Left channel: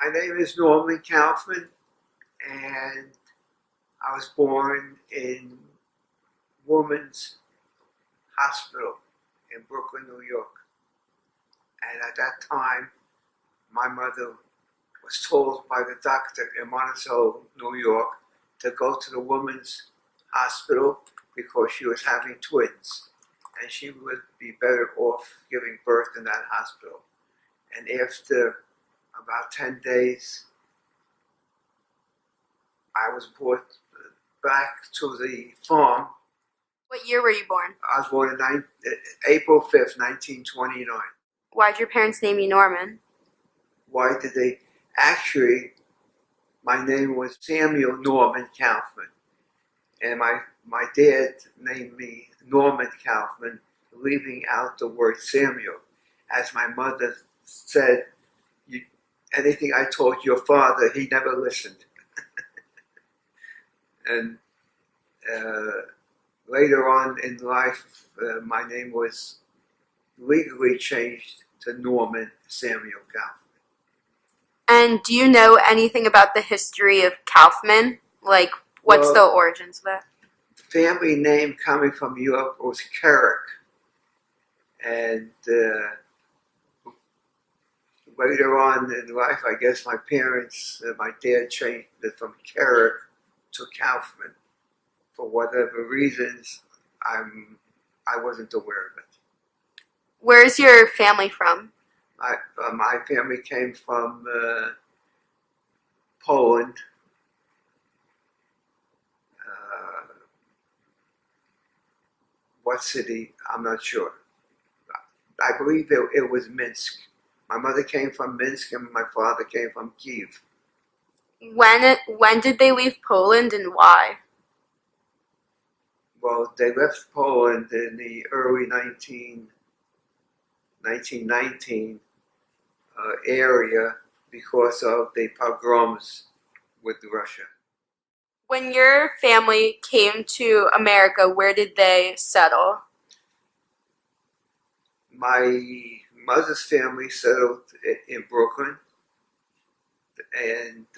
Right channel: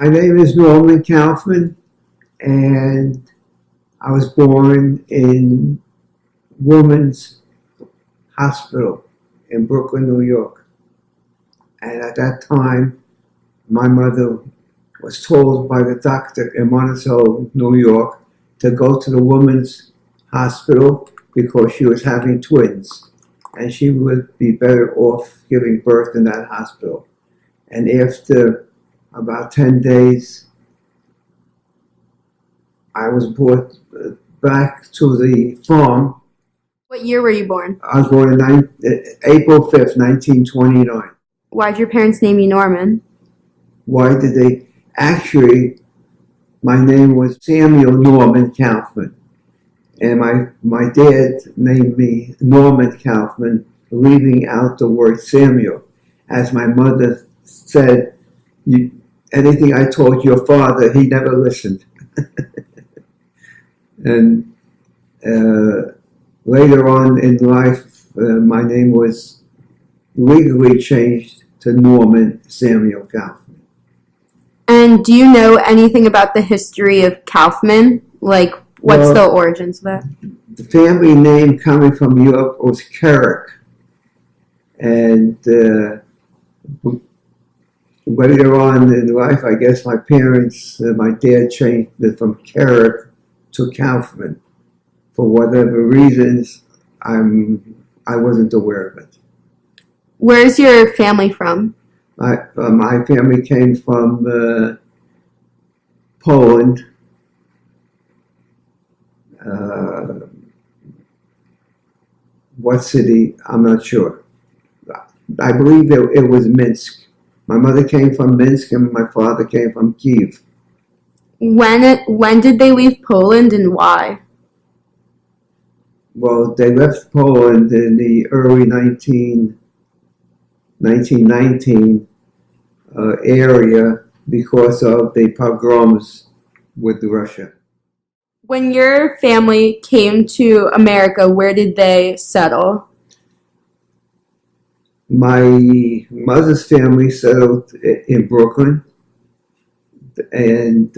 My name is Norman Kaufman, and I was born in Women's Hospital in Brooklyn, New York. And at that time, my mother was told by the doctor in Monticello, New York, to go to the Women's Hospital because she was having twins. And she would be better off giving birth in that hospital. And after about 10 days, I was brought back to the farm. What year were you born? I was born on April 5th, 1929. Why'd your parents name you Norman? Why did they? Actually, my name was Samuel Norman Kaufman. And my dad named me Norman Kaufman, leaving out the word Samuel. As my mother said, anything I told your father, he never listened. And later on in life, my name was legally changed to Norman Samuel Kaufman. And do you know anything about the history of Kaufman? Like, what's the origins of that? The family name coming from Europe was Carrick. And later on in life, I guess my parents, my dad changed it from Carrick to Kaufman. For whatever reasons, I wasn't aware of it. Where's your family from? My family came from Poland. What city? I'm not sure. I believe it was Minsk. My mother came from Minsk and my father came from Kiev. When did they leave Poland and why? Well, they left Poland in the early 1919 area because of the pogroms with Russia. When your family came to America, where did they settle? My mother's family settled in Brooklyn, and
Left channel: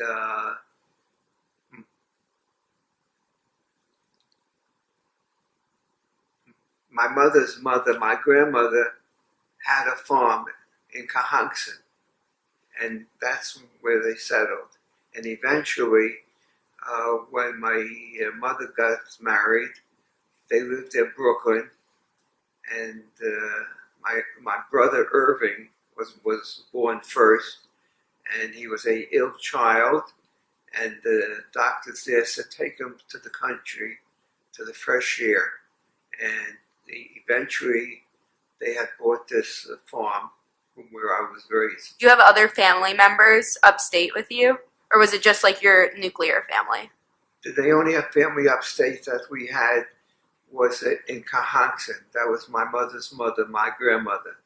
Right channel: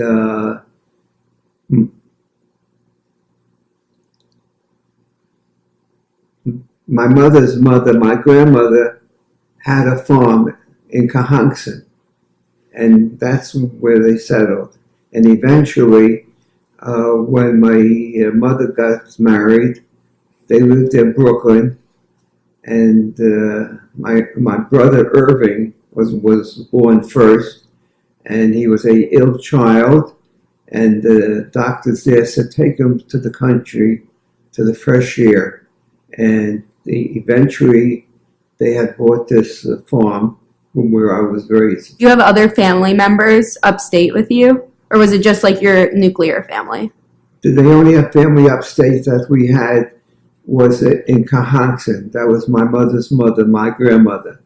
my mother's mother, my grandmother, had a farm in Cahonkson, and that's where they settled. And eventually, when my mother got married, they lived in Brooklyn, and my brother Irving was born first, and he was a ill child, and the doctors there said take him to the country, to the fresh air, and eventually they had bought this farm from where I was raised. Do you have other family members upstate with you? Or was it just like your nuclear family? The only family upstate that we had was in Cahonkson. That was my mother's mother, my grandmother.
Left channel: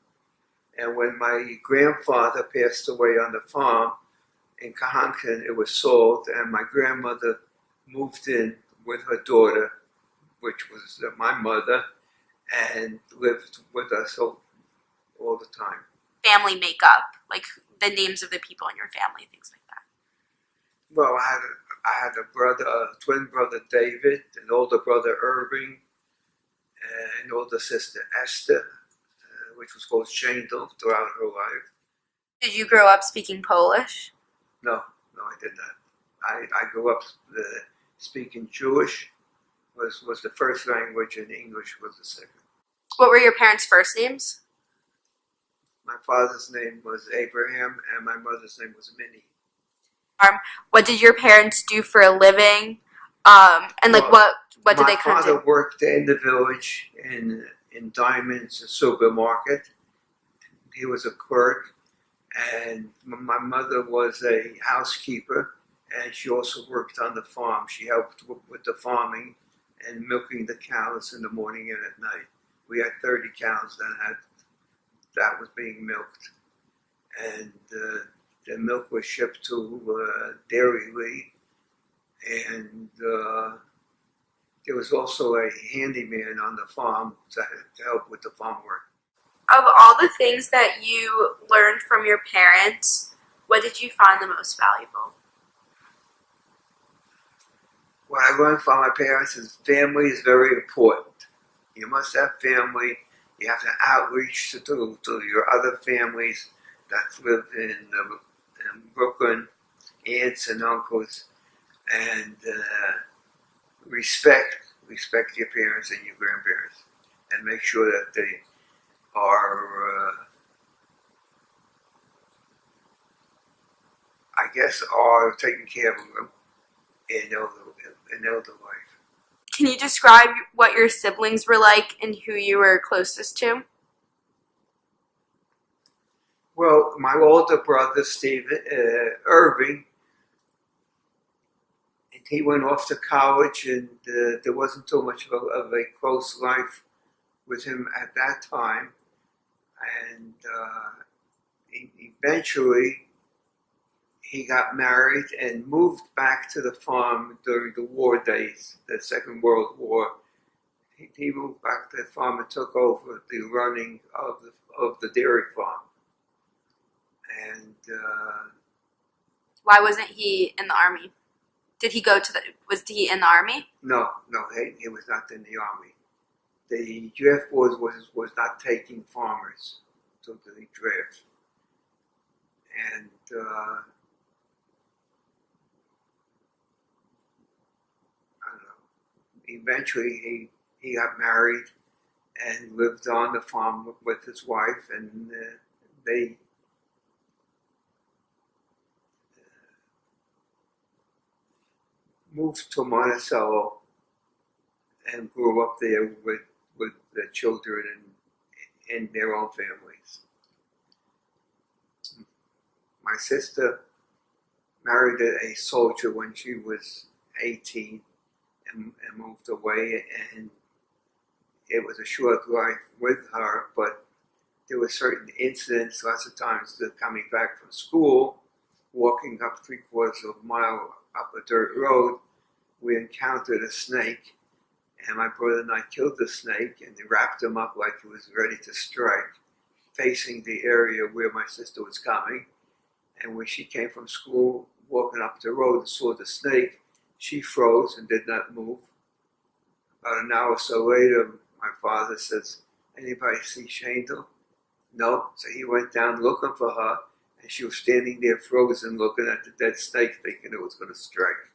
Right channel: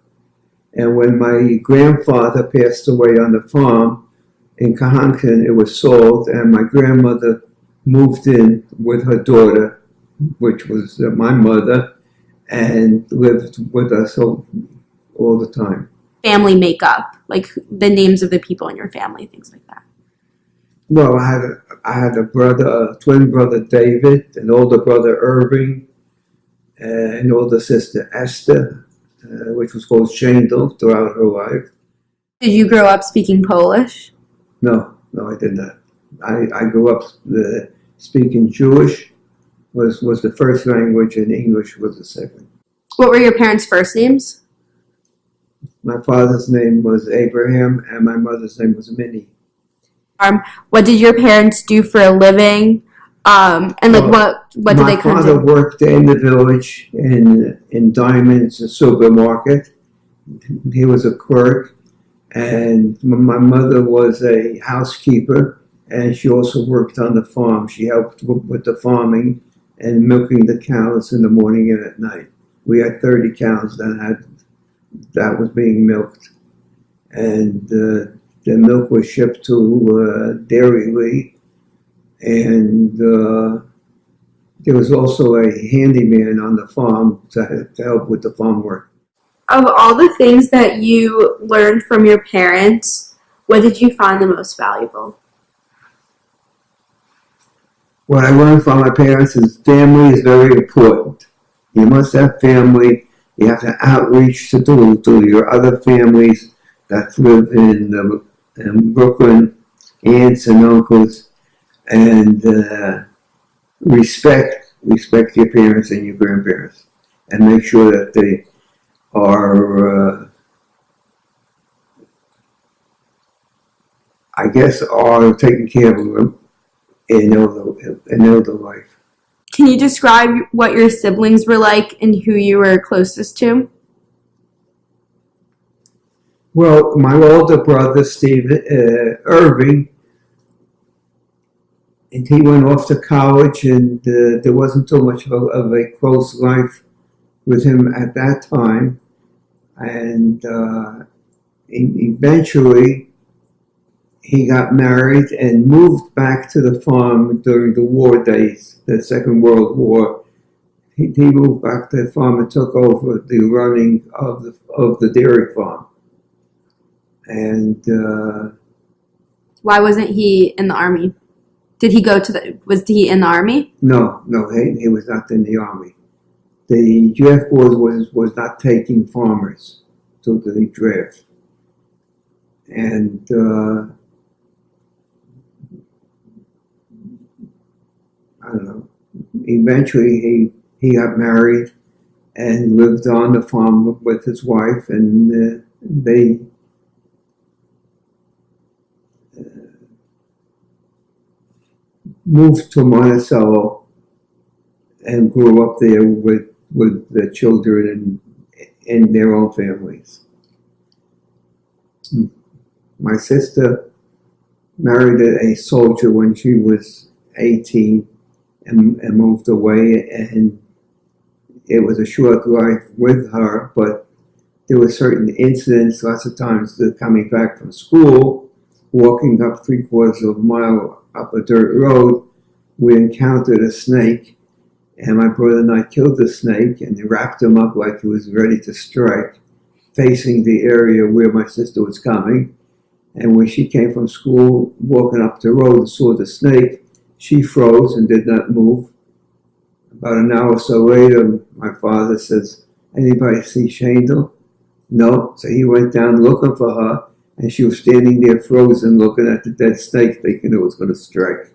And when my grandfather passed away on the farm in Cahonkson, it was sold, and my grandmother moved in with her daughter, which was my mother, and lived with us all the time. Family makeup, like the names of the people in your family, things like that. Well, I had a brother, a twin brother, David, an older brother, Irving, an older sister, Esther, which was called Shandel throughout her life. Did you grow up speaking Polish? No, I did not. I grew up speaking Jewish, was the first language, and English was the second. What were your parents' first names? My father's name was Abraham, and my mother's name was Minnie. What did your parents do for a living? And like, what did they kind of do? My father worked in the village in Diamonds supermarket. He was a clerk, and my mother was a housekeeper, and she also worked on the farm. She helped with the farming and milking the cows in the morning and at night. We had 30 cows that was being milked, and the milk was shipped to Dairy Lee, and there was also a handyman on the farm to help with the farm work. Of all the things that you learned from your parents, What did you find the most valuable? What I learned from my parents is family is very important. You must have family. You have to outreach to your other families that live in Brooklyn, aunts and uncles, and respect your parents and your grandparents, and make sure that they are, are taking care of them in elder life. Can you describe what your siblings were like and who you were closest to? Well, my older brother, Steve Irving, and he went off to college, and there wasn't too much of a close life with him at that time. And eventually, he got married and moved back to the farm during the war days, the Second World War. He moved back to the farm and took over the running of the dairy farm. And why wasn't he in the army? Did he was he in the army? No, he was not in the army. The draft board was not taking farmers to the draft. And I don't know. Eventually, he got married and lived on the farm with his wife, and they moved to Monticello and grew up there with the children and their own families. My sister married a soldier when she was 18 and moved away, and it was a short life with her, but there were certain incidents, lots of times coming back from school, walking up 3/4 of a mile up a dirt road, we encountered a snake, and my brother and I killed the snake and wrapped him up like he was ready to strike, facing the area where my sister was coming. And when she came from school, walking up the road and saw the snake, she froze and did not move. About an hour or so later, my father says, "Anybody see Shandel?" No. So he went down looking for her, and she was standing there frozen looking at the dead snake, thinking it was going to strike.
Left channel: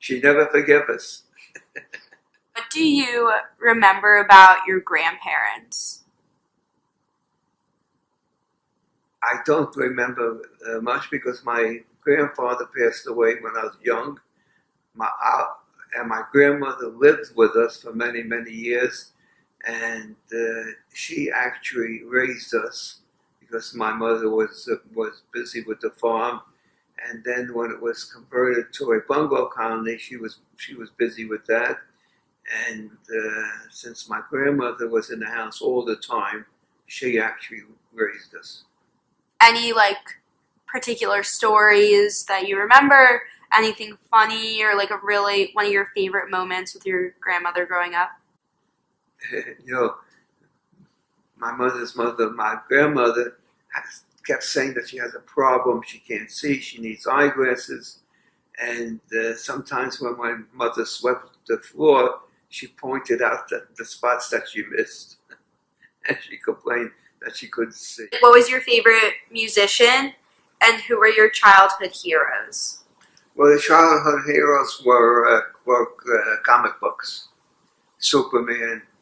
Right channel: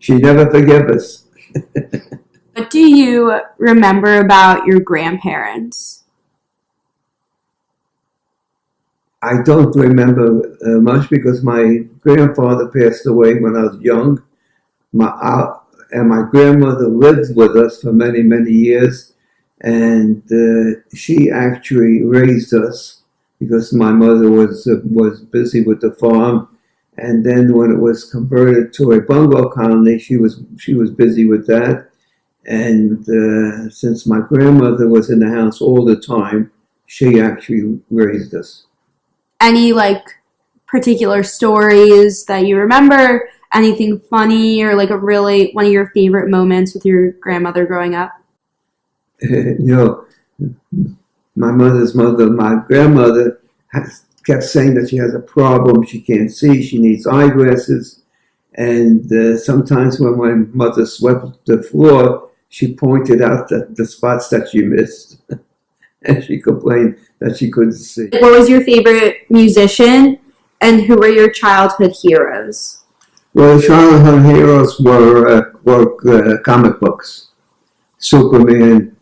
She never forgave us. What do you remember about your grandparents? I don't remember much because my grandfather passed away when I was young. And my grandmother lived with us for many, many years. And she actually raised us because my mother was busy with the farm. And then when it was converted to a bungalow colony, she was busy with that. And since my grandmother was in the house all the time, she actually raised us. Any particular stories that you remember? Anything funny or one of your favorite moments with your grandmother growing up? My mother's mother, my grandmother, kept saying that she has a problem. She can't see. She needs eyeglasses. And sometimes when my mother swept the floor, she pointed out the spots that she missed. And she complained that she couldn't see. What was your favorite musician, and who were your childhood heroes? Well, the childhood heroes were comic books. Superman,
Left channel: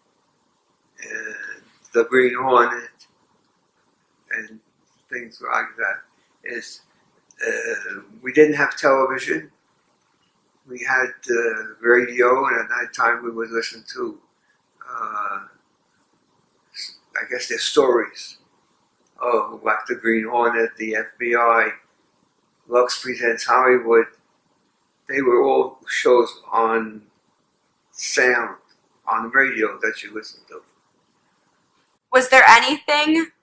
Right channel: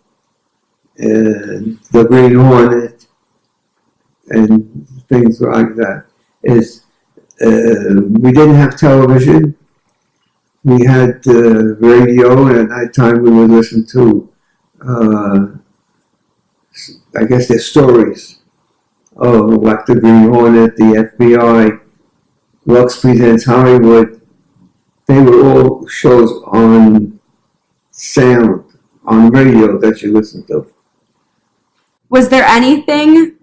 and the Green Hornet, and things like that. We didn't have television. We had radio, and at that time we would listen to, their stories of like the Green Hornet, the FBI, Lux Presents Hollywood. They were all shows on sound, on radio that you listened to. Was there anything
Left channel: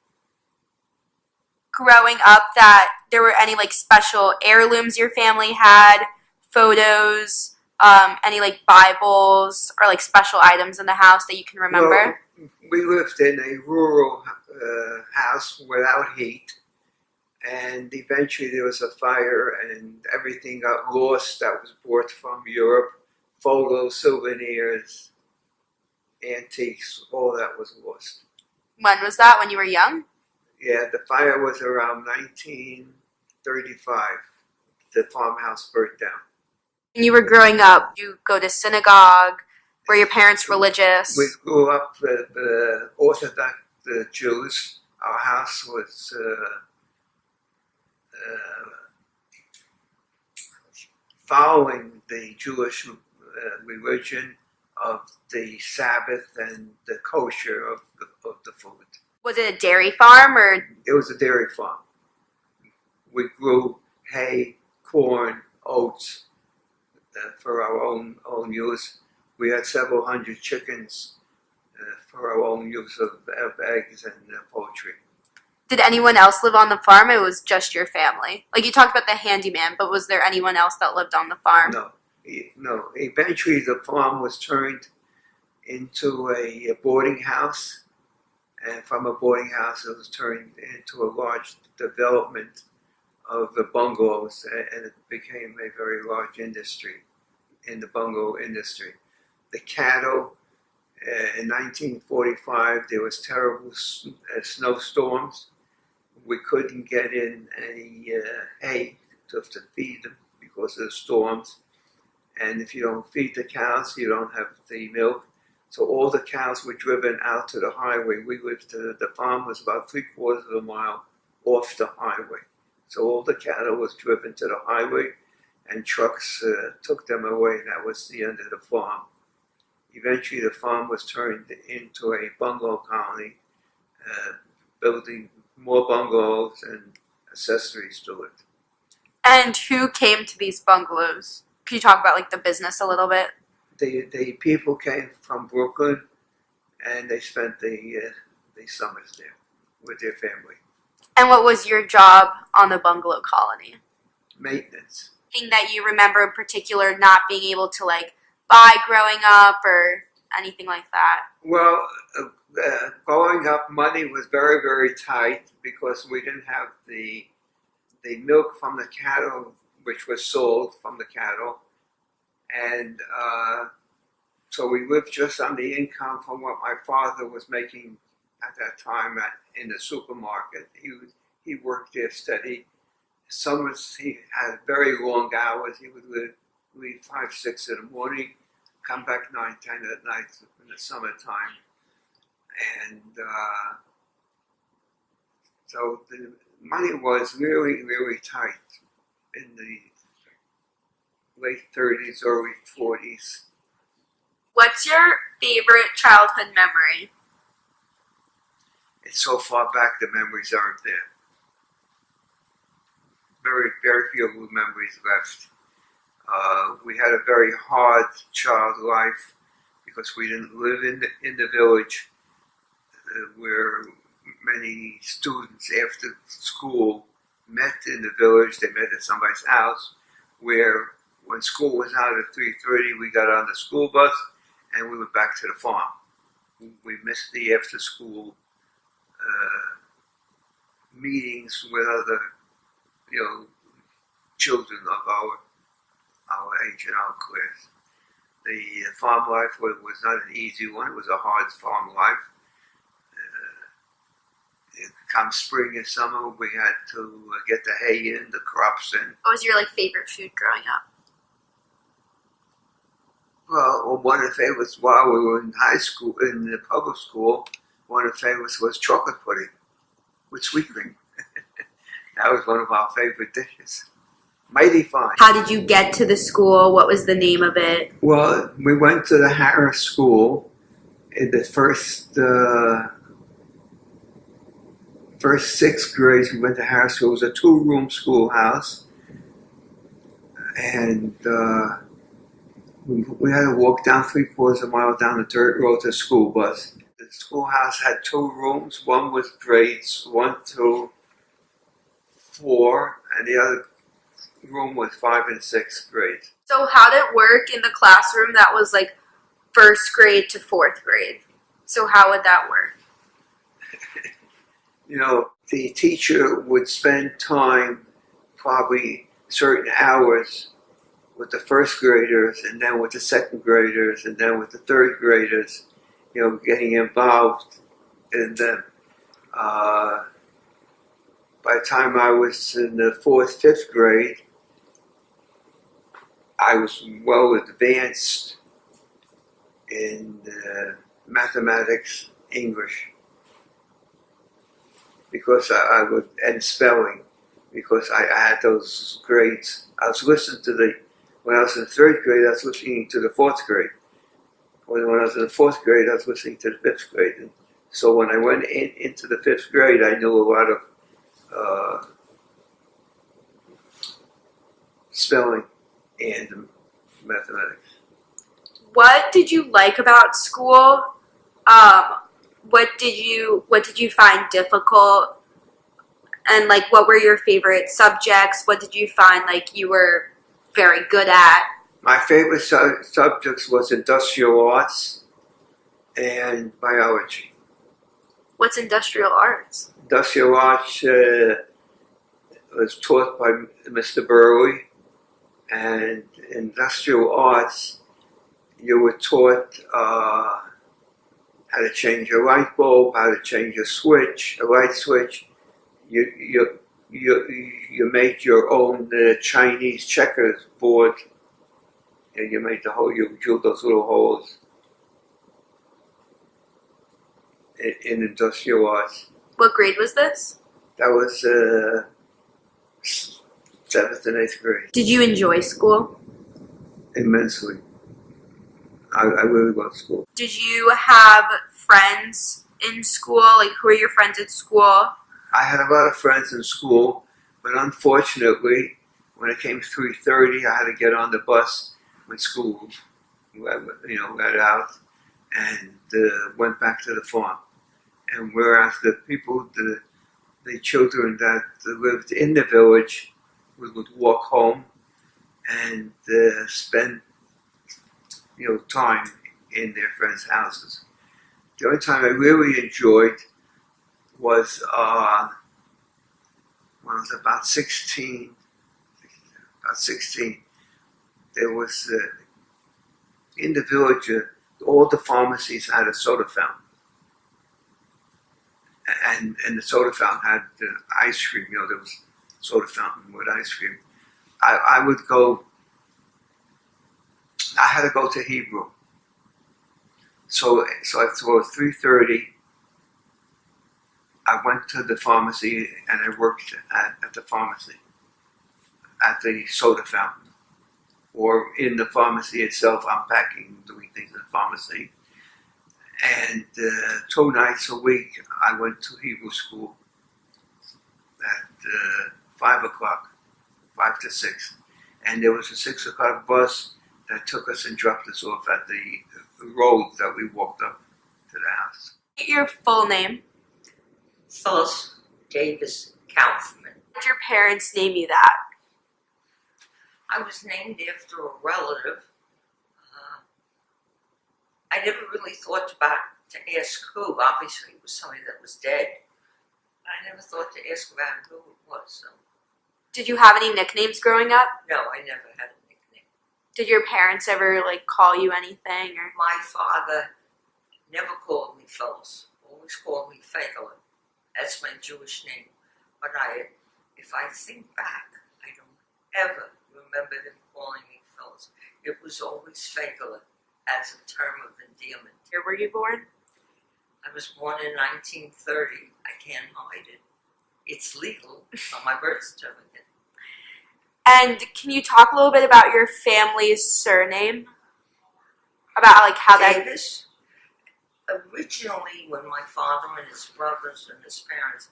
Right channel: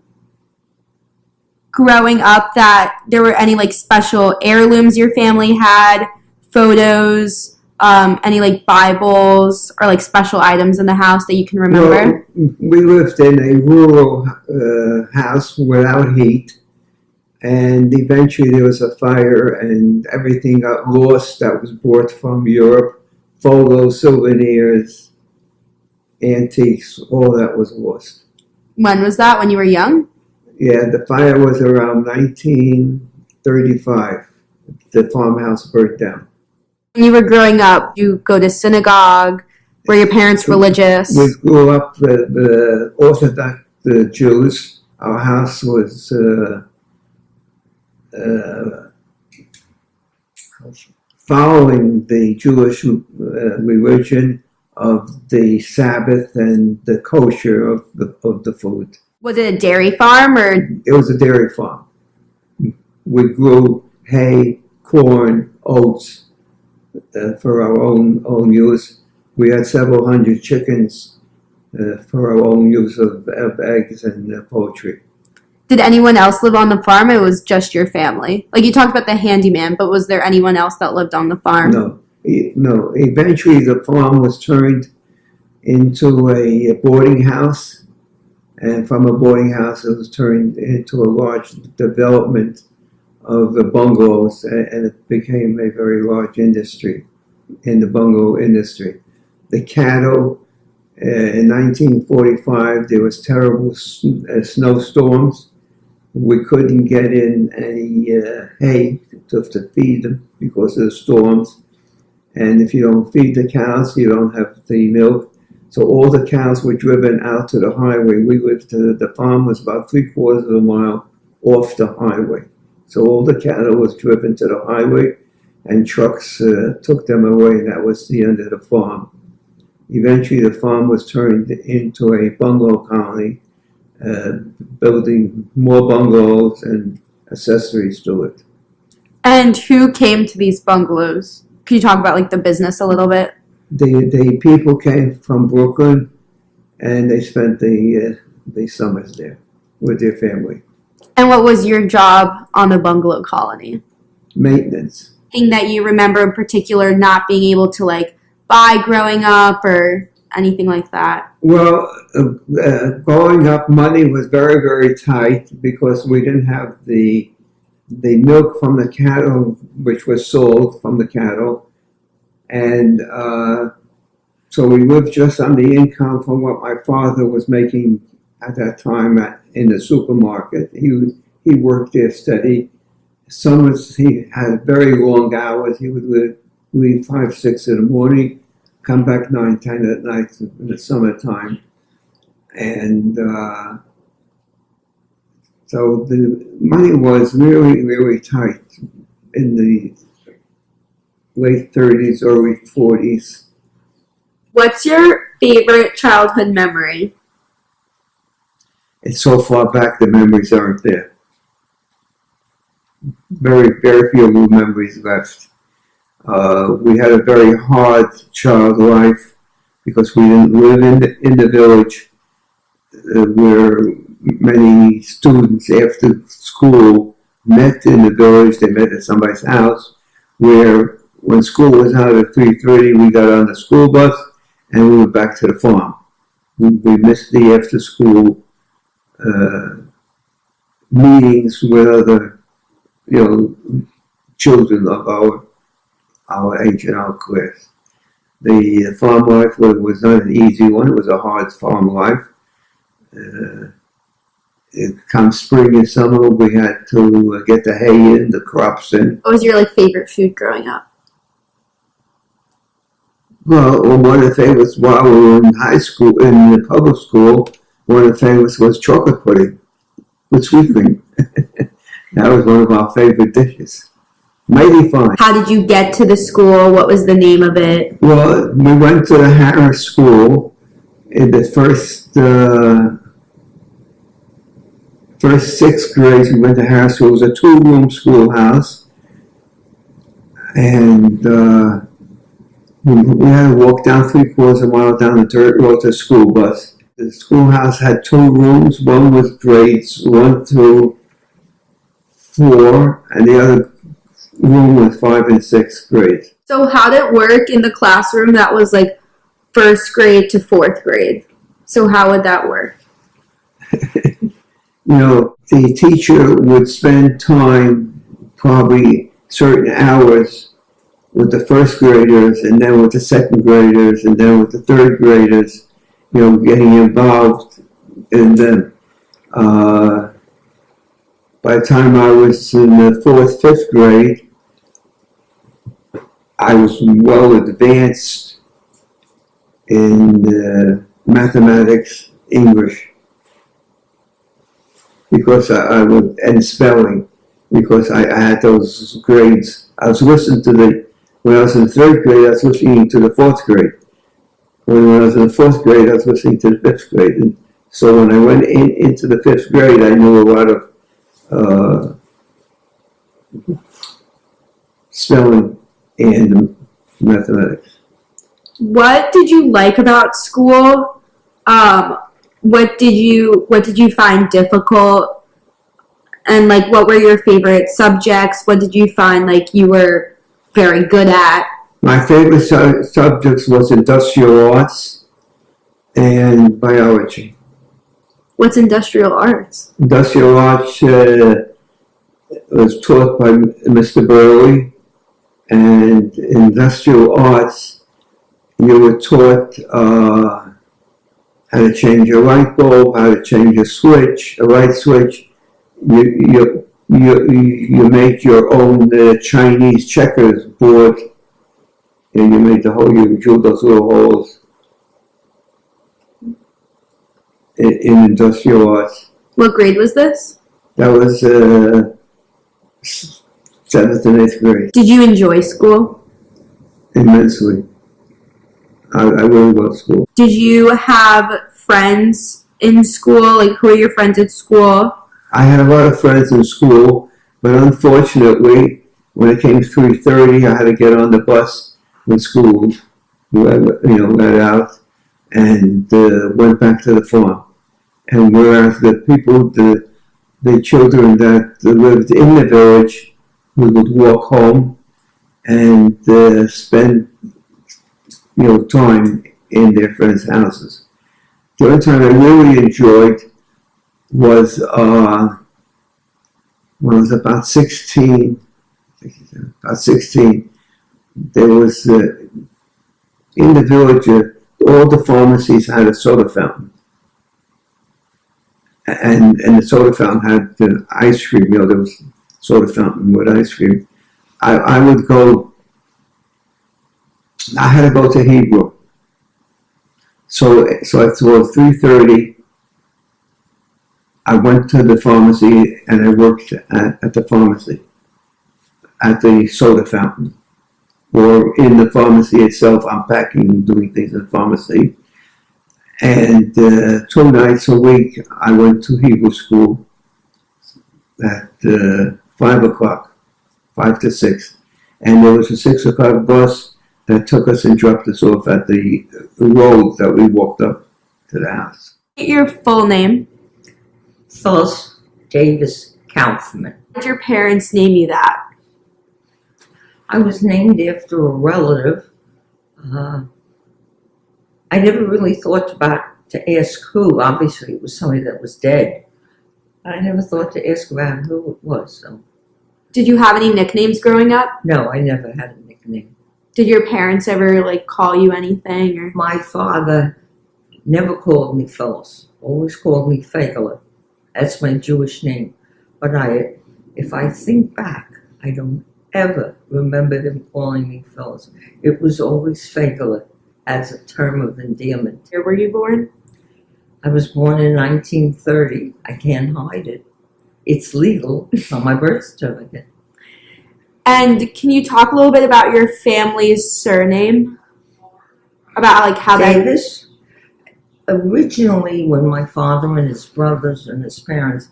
growing up that there were any special heirlooms your family had, photos, any Bibles or special items in the house that you can remember? Well, we lived in a rural house without heat. And eventually there was a fire and everything got lost that was brought from Europe. Photos, souvenirs, antiques, all that was lost. When was that? When you were young? Yeah, the fire was around 1935. The farmhouse burnt down. When you were growing up, you go to synagogue. Were your parents religious? We grew up the Orthodox Jews. Our house was following the Jewish religion of the Sabbath and the kosher of the food. Was it a dairy farm or? It was a dairy farm. We grew hay, corn, oats for our own use. We had several hundred chickens for our own use of eggs and poultry. Did anyone else live on the farm? It was just your family. Like you talked about the handyman, but was there anyone else that lived on the farm? No. Eventually, the farm was turned into a boarding house, and from a boarding house, it was turned into a large development of the bungalows, and it became a very large industry in the bungalow industry. The cattle, in 1945, there was terrible snowstorms. We couldn't get in any hay to feed them because of the storms. And if you don't feed the cows, you don't have the milk. So all the cows were driven out to the highway. The farm was about 3/4 of a mile off the highway. So all the cattle was driven to the highway, and trucks took them away. That was the end of the farm. Eventually, the farm was turned into a bungalow colony, building more bungalows and accessories to it. And who came to these bungalows? Can you talk about like the business a little bit? The people came from Brooklyn, and they spent the summers there with their family. And what was your job on the bungalow colony? Maintenance. Thing that you remember in particular not being able to like buy growing up or anything like that? Well, growing up, money was very, very tight because we didn't have the milk from the cattle, which was sold from the cattle. And so we lived just on the income from what my father was making at that time in the supermarket. He worked there steady. Summers he had very long hours. He would leave 5, 6 in the morning, come back 9, 10 at night in the summertime. And so the money was really, really tight in the late 30s, early 40s. What's your favorite childhood memory? It's so far back the memories aren't there. Very, very few memories left. We had a very hard child life because we didn't live in the village where many students after school met in the village. They met at somebody's house where when school was out at 3:30, we got on the school bus and we went back to the farm. We missed the after school meetings with other children of our age and our class. The farm life was not an easy one. It was a hard farm life. Come spring and summer, we had to get the hay in, the crops in. What was your like favorite food growing up? Well, one of the favorites while we were in high school, in the public school, one of the favorites was chocolate pudding with sweet cream. That was one of our favorite dishes. Mighty fine. How did you get to the school? What was the name of it? Well, we went to the Harris School in the first 6th grades. We went to Harris School. It was a 2-room schoolhouse. And we had to walk down 3/4 of a mile down the dirt road to the school bus. The schoolhouse had 2 rooms. One was grades 1 through 4, and the other room was 5 and 6th grades. So how did it work in the classroom that was like 1st grade to 4th grade? So how would that work? the teacher would spend time, probably certain hours, with the first graders, and then with the second graders, and then with the third graders, getting involved in them. By the time I was in the fourth, fifth grade, I was well advanced in mathematics, English, because I would, and spelling, because I had those grades. I was listening to when I was in the third grade, I was listening to the fourth grade. When I was in the fourth grade, I was listening to the fifth grade. And so when I went into the fifth grade, I knew a lot of spelling and mathematics. What did you like about school? What did you find difficult? And like, what were your favorite subjects? What did you find like you were very good at? My favorite subjects was industrial arts and biology. What's industrial arts? Industrial arts was taught by Mr. Burley, and industrial arts, you were taught how to change a light bulb, how to change a light switch. You made your own Chinese checkers board, and you made you drilled those little holes in industrial arts. What grade was this? That was 7th and 8th grade. Did you enjoy school? Immensely. I really loved school. Did you have friends in school? Like, who are your friends at school? I had a lot of friends in school, but unfortunately, when it came to 3:30, I had to get on the bus when school, let out, and went back to the farm. And whereas the people, the children that lived in the village, we would walk home and spend, time in their friends' houses. The only time I really enjoyed was when I was about 16. There was in the village, all the pharmacies had a soda fountain. And the soda fountain had the ice cream. There was soda fountain with ice cream. I would go. I had to go to Hebrew. So at 3:30, I went to the pharmacy and I worked at the pharmacy, at the soda fountain, or in the pharmacy itself. I'm packing and doing things in the pharmacy. And 2 nights a week, I went to Hebrew school at 5 o'clock, 5 to 6. And there was a 6 o'clock bus that took us and dropped us off at the road that we walked up to the house. Your full name? Phyllis Davis Kaufman. Did your parents name you that? I was named after a relative. I never really thought to ask who. Obviously, it was somebody that was dead. I never thought to ask about who it was. So. Did you have any nicknames growing up? No, I never had a nickname. Did your parents ever call you anything? Or my father never called me Phyllis. Always called me Fegele. That's my Jewish name. But if I think back, I don't ever remember him calling me Phyllis. It was always Fegele as a term of endearment. Where were you born? I was born in 1930. I can't hide it. It's legal. It's on my birth certificate. And can you talk a little bit about your family's surname? About how Davis? Originally, when my father and his brothers and his parents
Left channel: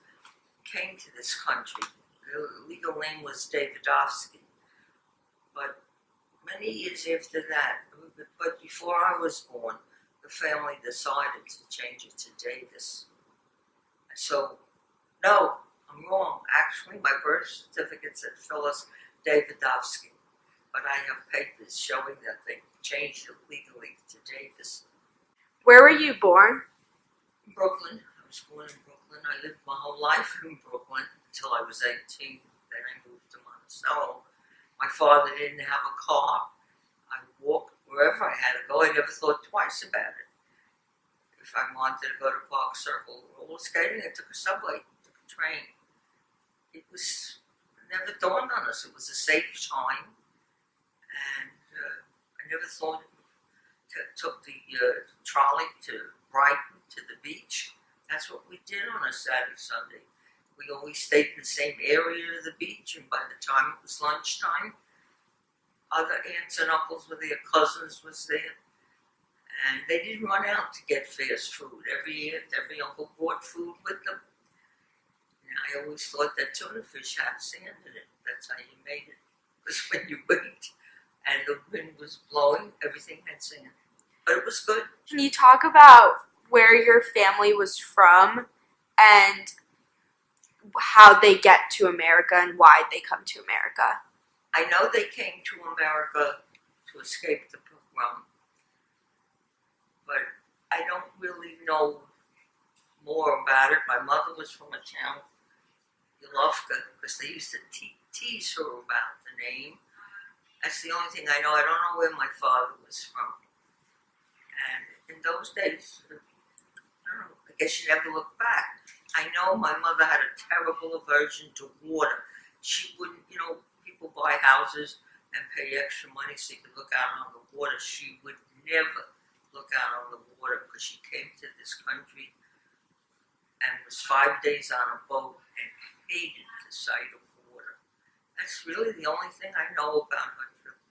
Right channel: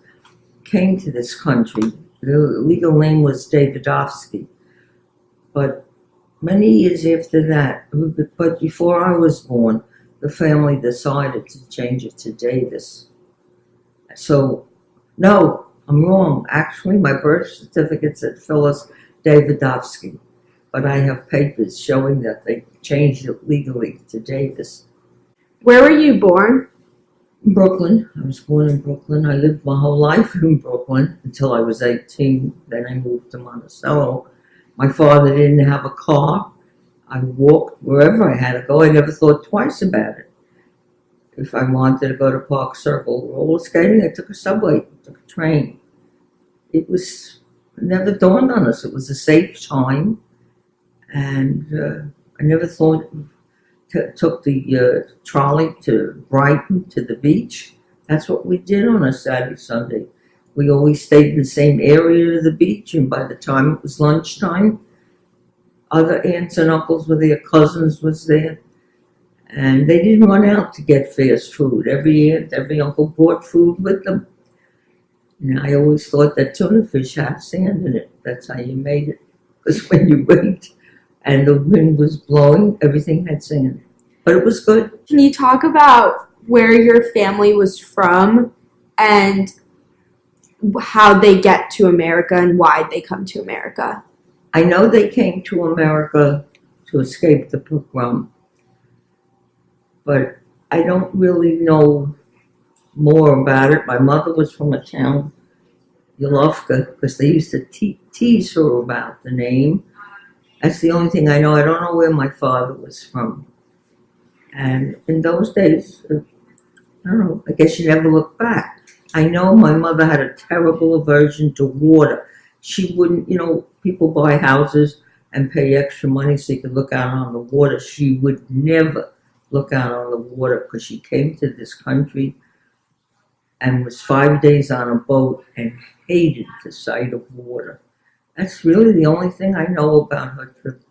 came to this country, the legal name was Davidovsky. But many years after that, but before I was born, the family decided to change it to Davis. So, no, I'm wrong. Actually, my birth certificate said Phyllis Davidovsky, but I have papers showing that they changed it legally to Davis. Where were you born? Brooklyn. I was born in Brooklyn. I lived my whole life in Brooklyn until I was 18. Then I moved to Monticello. My father didn't have a car. I walked wherever I had to go. I never thought twice about it. If I wanted to go to Park Circle roller skating, I took a subway, took a train. It never dawned on us. It was a safe time. And I never thought took the trolley to Brighton, to the beach. That's what we did on a Saturday, Sunday. We always stayed in the same area of the beach, and by the time it was lunchtime, other aunts and uncles with their cousins was there. And they didn't run out to get fast food. Every aunt, every uncle brought food with them. And I always thought that tuna fish had sand in it. That's how you made it. Because when you wait and the wind was blowing, everything had sand. But it was good. Can you talk about where your family was from and how they get to America and why they come to America? I know they came to America to escape the pogrom, but I don't really know more about it. My mother was from a town, Yolovka, because they used to tease her about the name. That's the only thing I know. I don't know where my father was from. And in those days, I don't know, I guess you never look back. I know my mother had a terrible aversion to water. She wouldn't, people buy houses and pay extra money so you could look out on the water. She would never look out on the water because she came to this country and was 5 days on a boat and hated the sight of water. That's really the only thing I know about her trip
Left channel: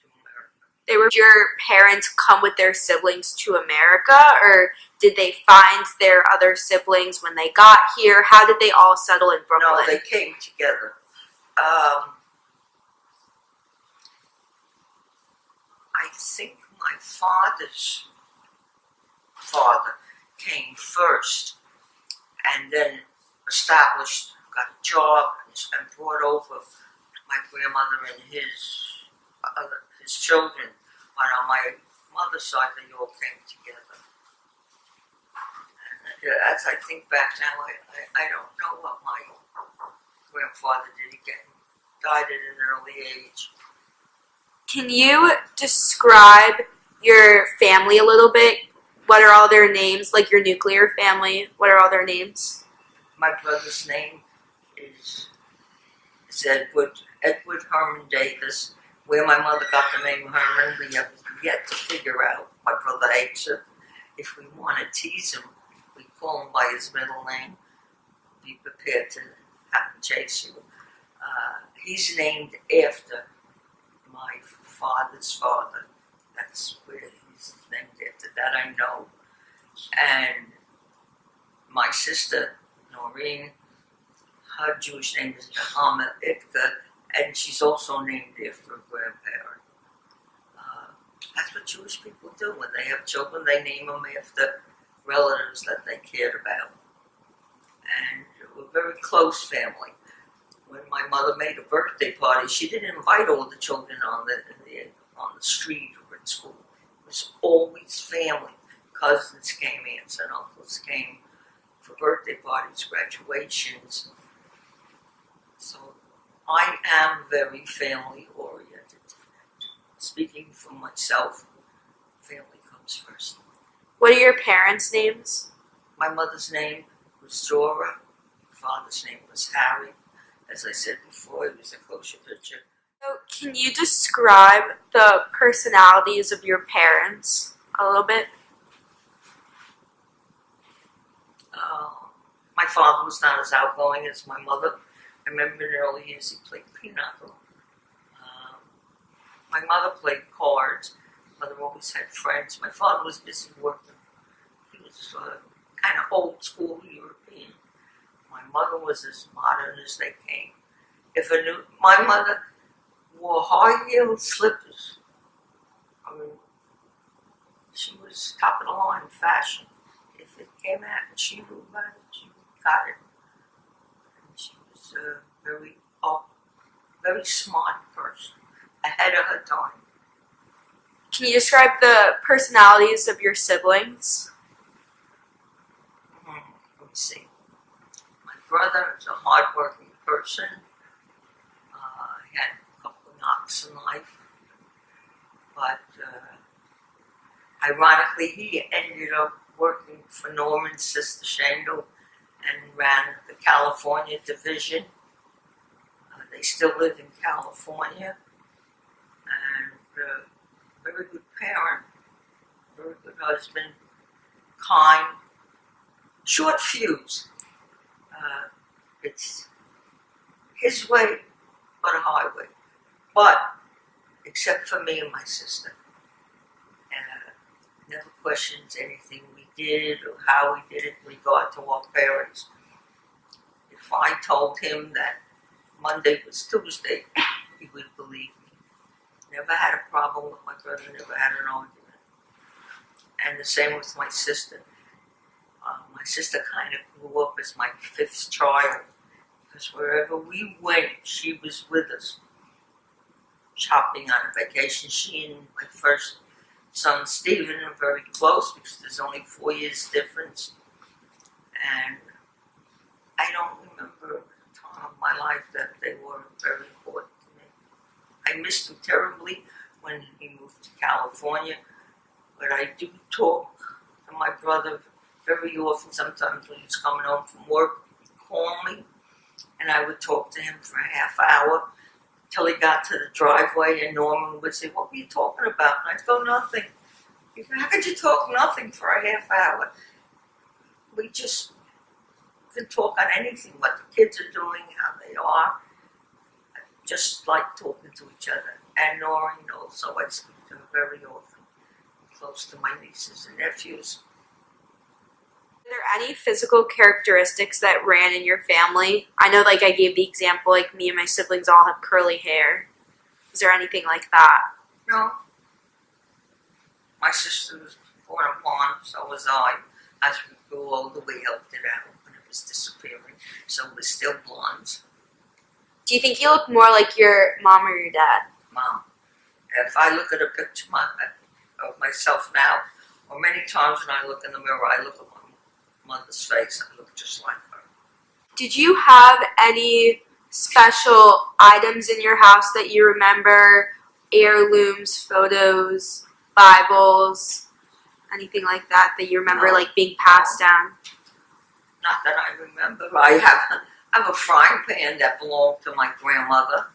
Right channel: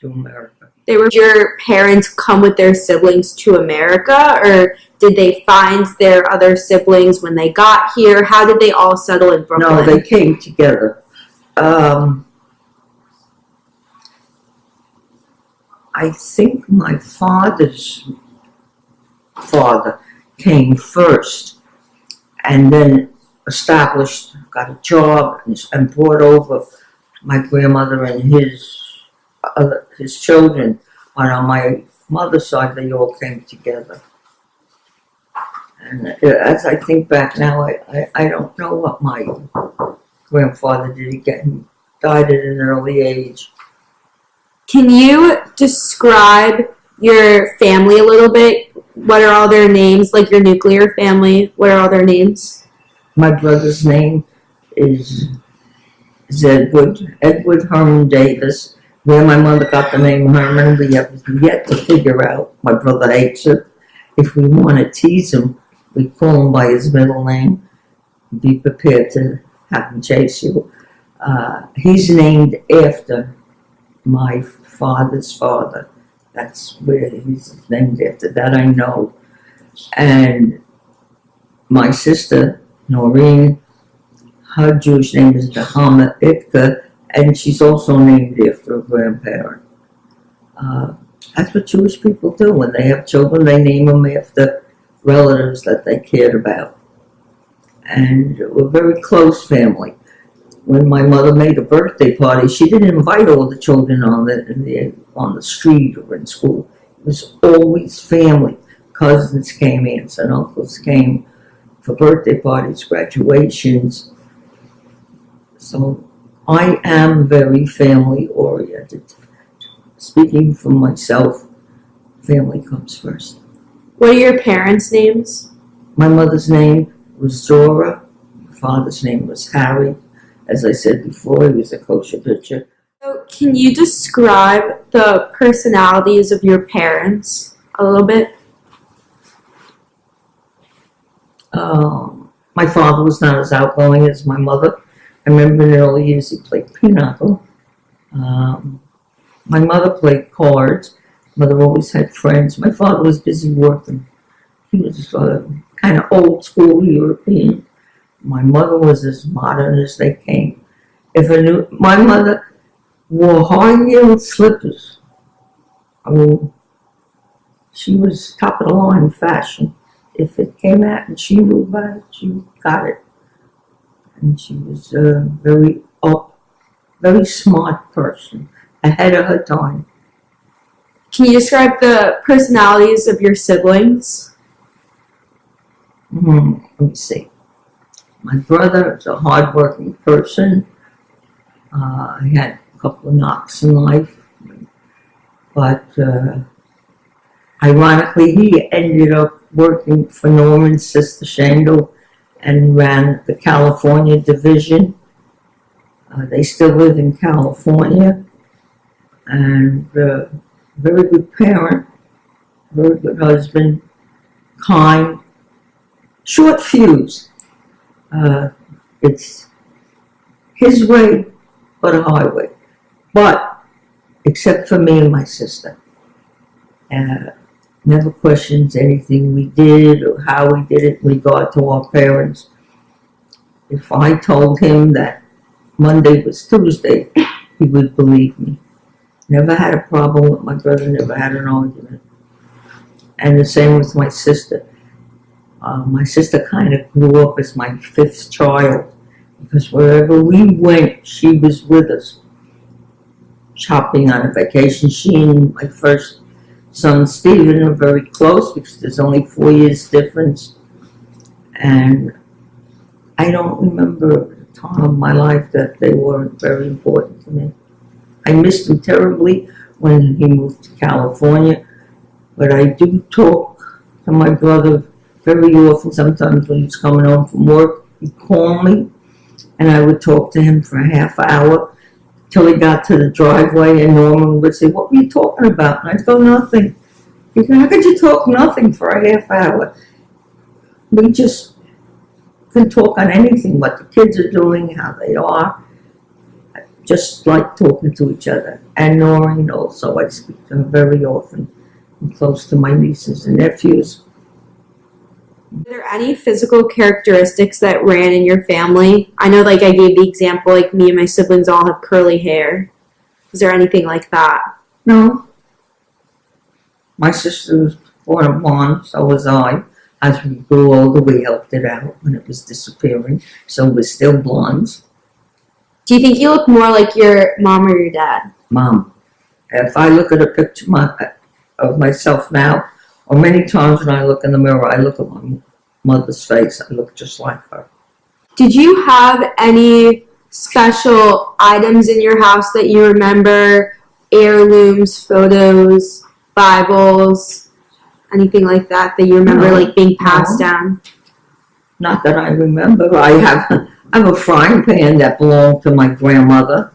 to America. Did your parents come with their siblings to America, or did they find their other siblings when they got here? How did they all settle in Brooklyn? No, they came together. I think my father's father came first and then got a job and brought over my grandmother and his children. And on my mother's side, they all came together. And as I think back now, I don't know what my grandfather did. He died at an early age. Can you describe your family a little bit? What are all their names? Like your nuclear family, what are all their names? My brother's name is Edward Herman Davis. Where my mother got the name Herman, we have yet to figure out. My brother hates it. If we want to tease him, we call him by his middle name. Be prepared to have him chase you. He's named after my father's father. That's where he's named after. That I know. And my sister, Noreen, her Jewish name is Nahama Itka, and she's also named after a grandparent. That's what Jewish people do. When they have children, they name them after relatives that they cared about. And we're a very close family. When my mother made a birthday party, she didn't invite all the children on the street or in school. It was always family. Cousins came, aunts and uncles came for birthday parties, graduations. So I am very family oriented. Speaking for myself, family comes first. What are your parents' names? My mother's name was Zora. My father's name was Harry. As I said before, he was a kosher butcher. So can you describe the personalities of your parents a little bit? My father was not as outgoing as my mother. I remember in the early years he played pinochle. My mother played cards. Mother always had friends. My father was busy working. He was kind of old school European. My mother was as modern as they came. My mother wore high-heeled slippers. I mean, she was top of the line fashion. If it came out and she knew about it, she got it. And she was a very smart person, ahead of her time. Can you describe the personalities of your siblings? Let me see. My brother is a hardworking person. He had a couple of knocks in life, but ironically, he ended up working for Norman's sister Shandel and ran the California division. They still live in California, and very good parent, very good husband, kind, short fuse. It's his way, but a highway. But except for me and my sister, never questions anything we did or how we did it in regard to our parents. If I told him that Monday was Tuesday, he would believe me. Never had a problem with my brother, never had an argument. And the same with my sister. My sister kind of grew up as my fifth child because wherever we went, she was with us. Shopping on a vacation. She and my first son, Stephen, are very close because there's only 4 years difference. And I don't remember a time of my life that they weren't very important to me. I missed him terribly when he moved to California, but I do talk to my brother very often. Sometimes when he's coming home from work, he'd call me, and I would talk to him for a half hour till he got to the driveway, and Norman would say, "What were you talking about?" And I'd go, "Nothing." He'd go, "How could you talk nothing for a half hour?" We just can talk on anything, what the kids are doing, how they are. I just like talking to each other. And Noreen also, I speak to her very often. I'm close to my nieces and nephews. Are there any physical characteristics that ran in your family? I know, like, I gave the example, like, me and my siblings all have curly hair. Is there anything like that? No. My sister was born a blonde, so was I. As we grew older, we helped it out when it was disappearing, so we're still blondes. Do you think you look more like your mom or your dad? Mom. If I look at a picture of myself now, or many times when I look in the mirror, I look at my mother's face. I look just like her. Did you have any special items in your house that you remember? Heirlooms, photos, Bibles, anything like that you remember, No. like, being passed No. down? Not that I remember. I have a frying pan that belonged to my grandmother.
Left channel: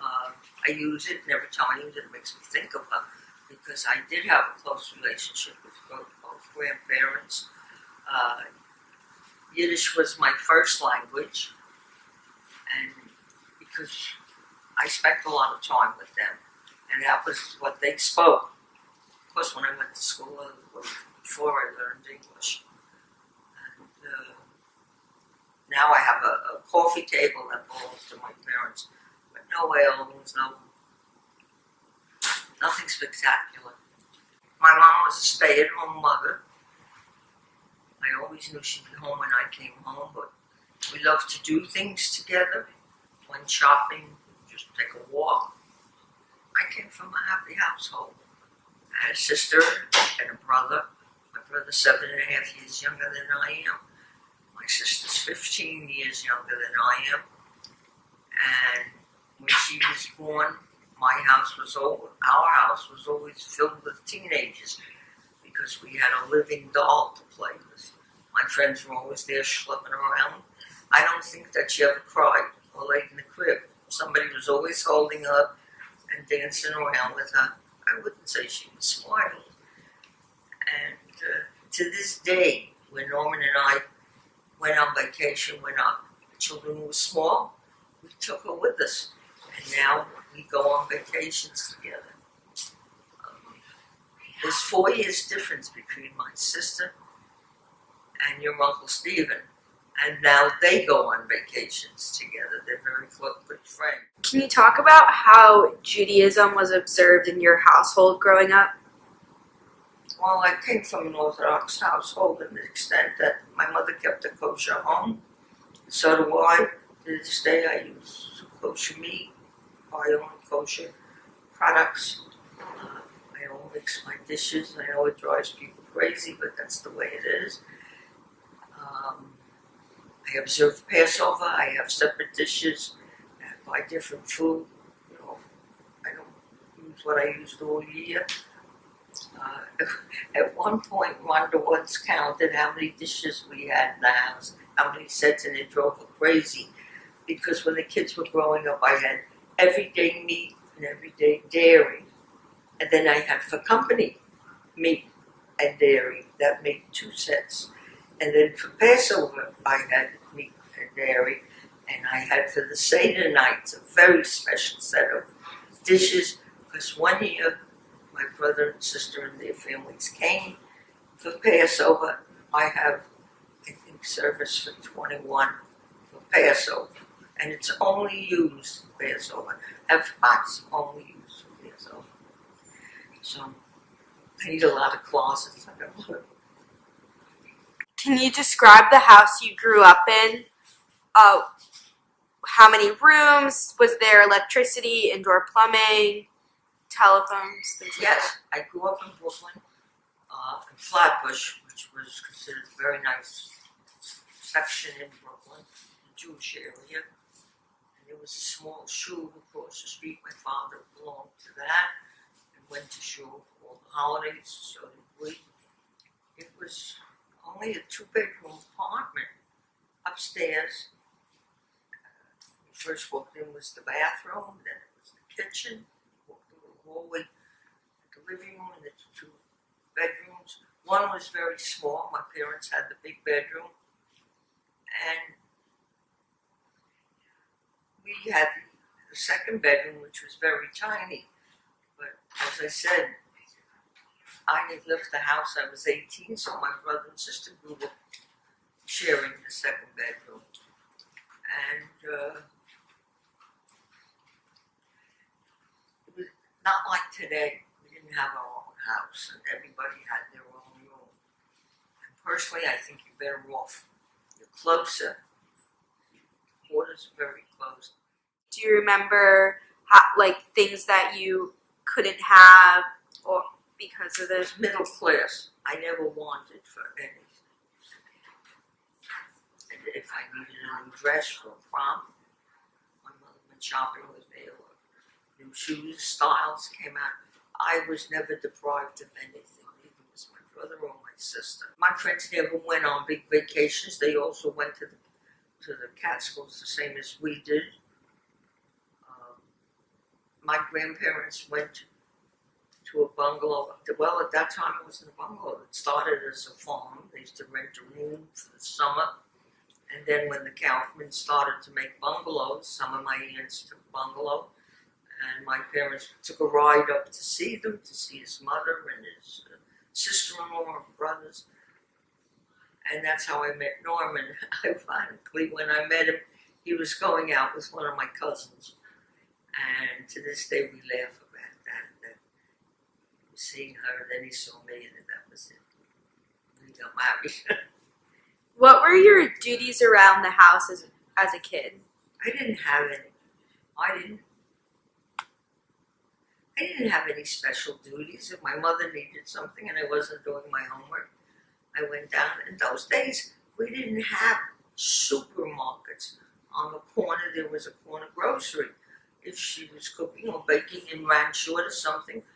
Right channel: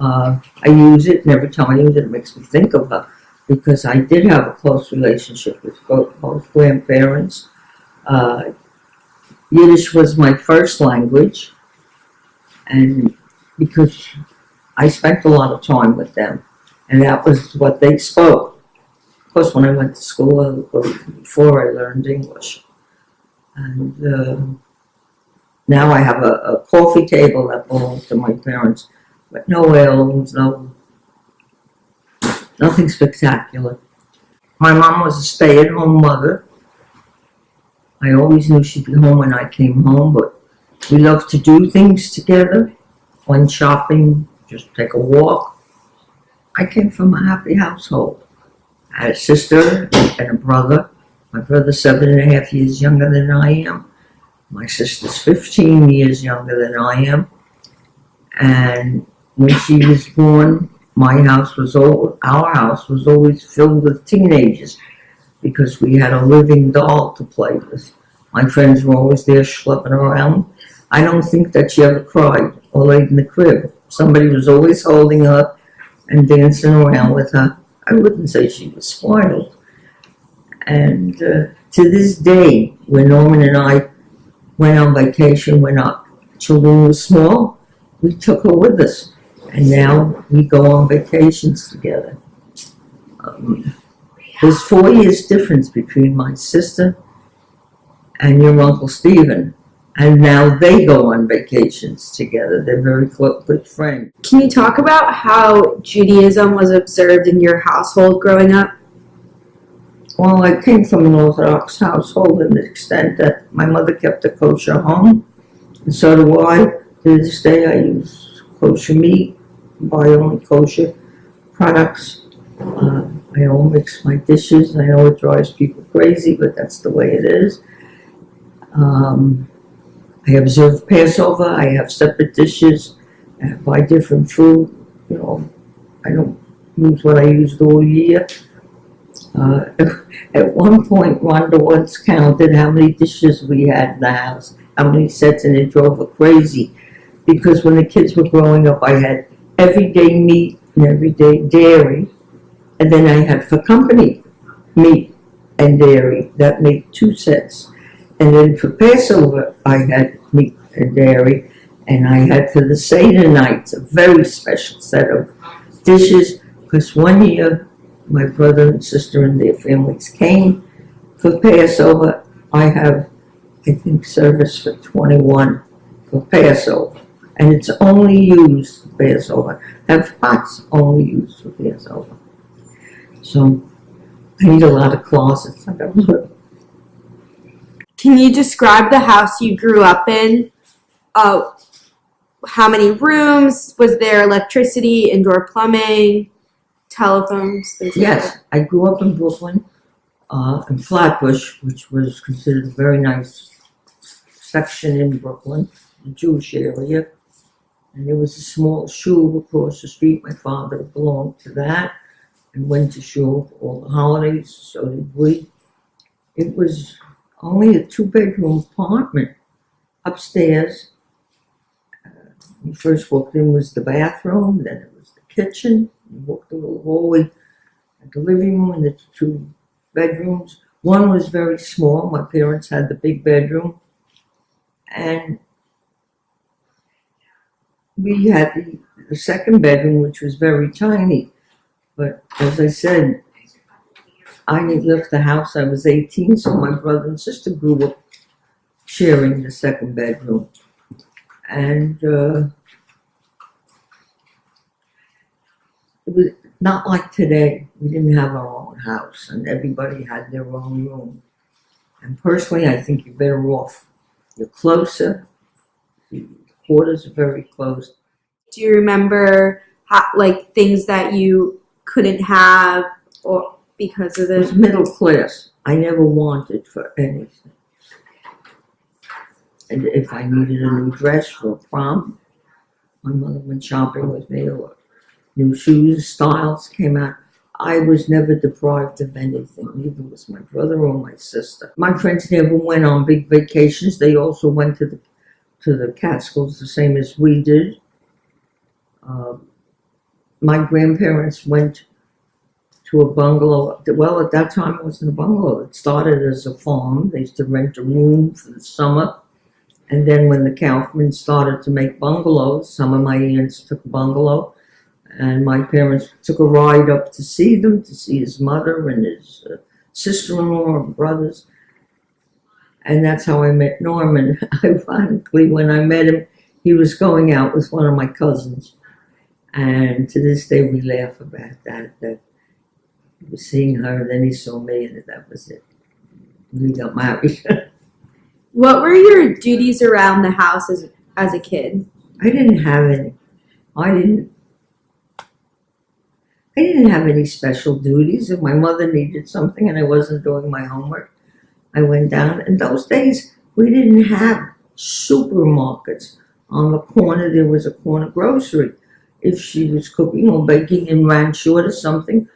I use it, and every time I use it, it makes me think of her, because I did have a close relationship with both grandparents. Yiddish was my first language, and because I spent a lot of time with them, and that was what they spoke. Of course, when I went to school, before I learned English. And now I have a coffee table that belonged to my parents, but no heirlooms, nothing spectacular. My mom was a stay-at-home mother. I always knew she'd be home when I came home, but we loved to do things together. Went shopping, just take a walk. I came from a happy household. I had a sister and a brother. My brother's 7.5 years younger than I am. My sister's 15 years younger than I am. And when she was born, our house was always filled with teenagers because we had a living doll to play with. My friends were always there schlepping around. I don't think that she ever cried or laid in the crib. Somebody was always holding her and dancing around with her. I wouldn't say she was spoiled. And to this day, when Norman and I went on vacation when our children were small, we took her with us. And now we go on vacations together. There's 4 years difference between my sister and your Uncle Stephen. And now they go on vacations together. They're very good friends. Can you talk about how Judaism was observed in your household growing up? Well, I came from an Orthodox household in the extent that my mother kept a kosher home. And so do I. To this day, I use kosher meat, buy only kosher products. I don't mix my dishes. I know it drives people crazy, but that's the way it is. I observe Passover. I have separate dishes. I buy different food. You know, I don't use what I used all year. Uh, at one point, Rhonda once counted how many dishes we had in the house, how many sets, and it drove her crazy. Because when the kids were growing up, I had everyday meat and everyday dairy, and then I had for company meat and dairy. That made 2 sets. And then for Passover, I had meat and dairy, and I had for the Seder nights a very special set of dishes, because one year my brother and sister and their families came for Passover. I have, I think, service for 21 for Passover, and it's only used for Passover. I have pots only used for Passover. So I need a lot of closets. I got a lot of. Can you describe the house you grew up in? How many rooms? Was there electricity, indoor plumbing, telephones, things like Yes, that? I grew up in Brooklyn, in Flatbush, which was considered a very nice section in Brooklyn, the Jewish area. And there was a small shul across the street. My father belonged to that and went to shul for all the holidays, so did we. It was only a 2-bedroom apartment. Upstairs, when you first walked in was the bathroom, then it was the kitchen. You walked a little hallway at the living room and the 2 bedrooms. One was very small. My parents had the big bedroom. And we had the second bedroom, which was very tiny. But as I said, I left the house, I was 18, so my brother and sister grew up sharing the second bedroom. And it was not like today. We didn't have our own house, and everybody had their own room. And personally, I think you're better off. You're closer. The quarters are very close. Do you remember like things that you couldn't have or because of It was this? middle class. I never wanted for anything. And if I needed a new dress for a prom, my mother went shopping with me, or new shoes, styles came out. I was never deprived of anything. Neither was my brother or my sister. My friends never went on big vacations. They also went to the Catskills the same as we did. My grandparents went to a bungalow. Well, at that time it wasn't a bungalow. It started as a farm. They used to rent a room for the summer. And then when the Kaufmans started to make bungalows, some of my aunts took a bungalow. And my parents took a ride up to see them, to see his mother and his sister-in-law and brothers. And that's how I met Norman. Ironically, when I met him, he was going out with one of my cousins. And to this day, we laugh about that he was seeing her, and then he saw me, and that was it. We got married. What were your duties around the house as a kid? I didn't have any. I didn't have any special duties. If my mother needed something and I wasn't doing my homework, I went down. In those days, we didn't have supermarkets. On the corner, there was a corner grocery. If she was cooking or baking and ran short of something,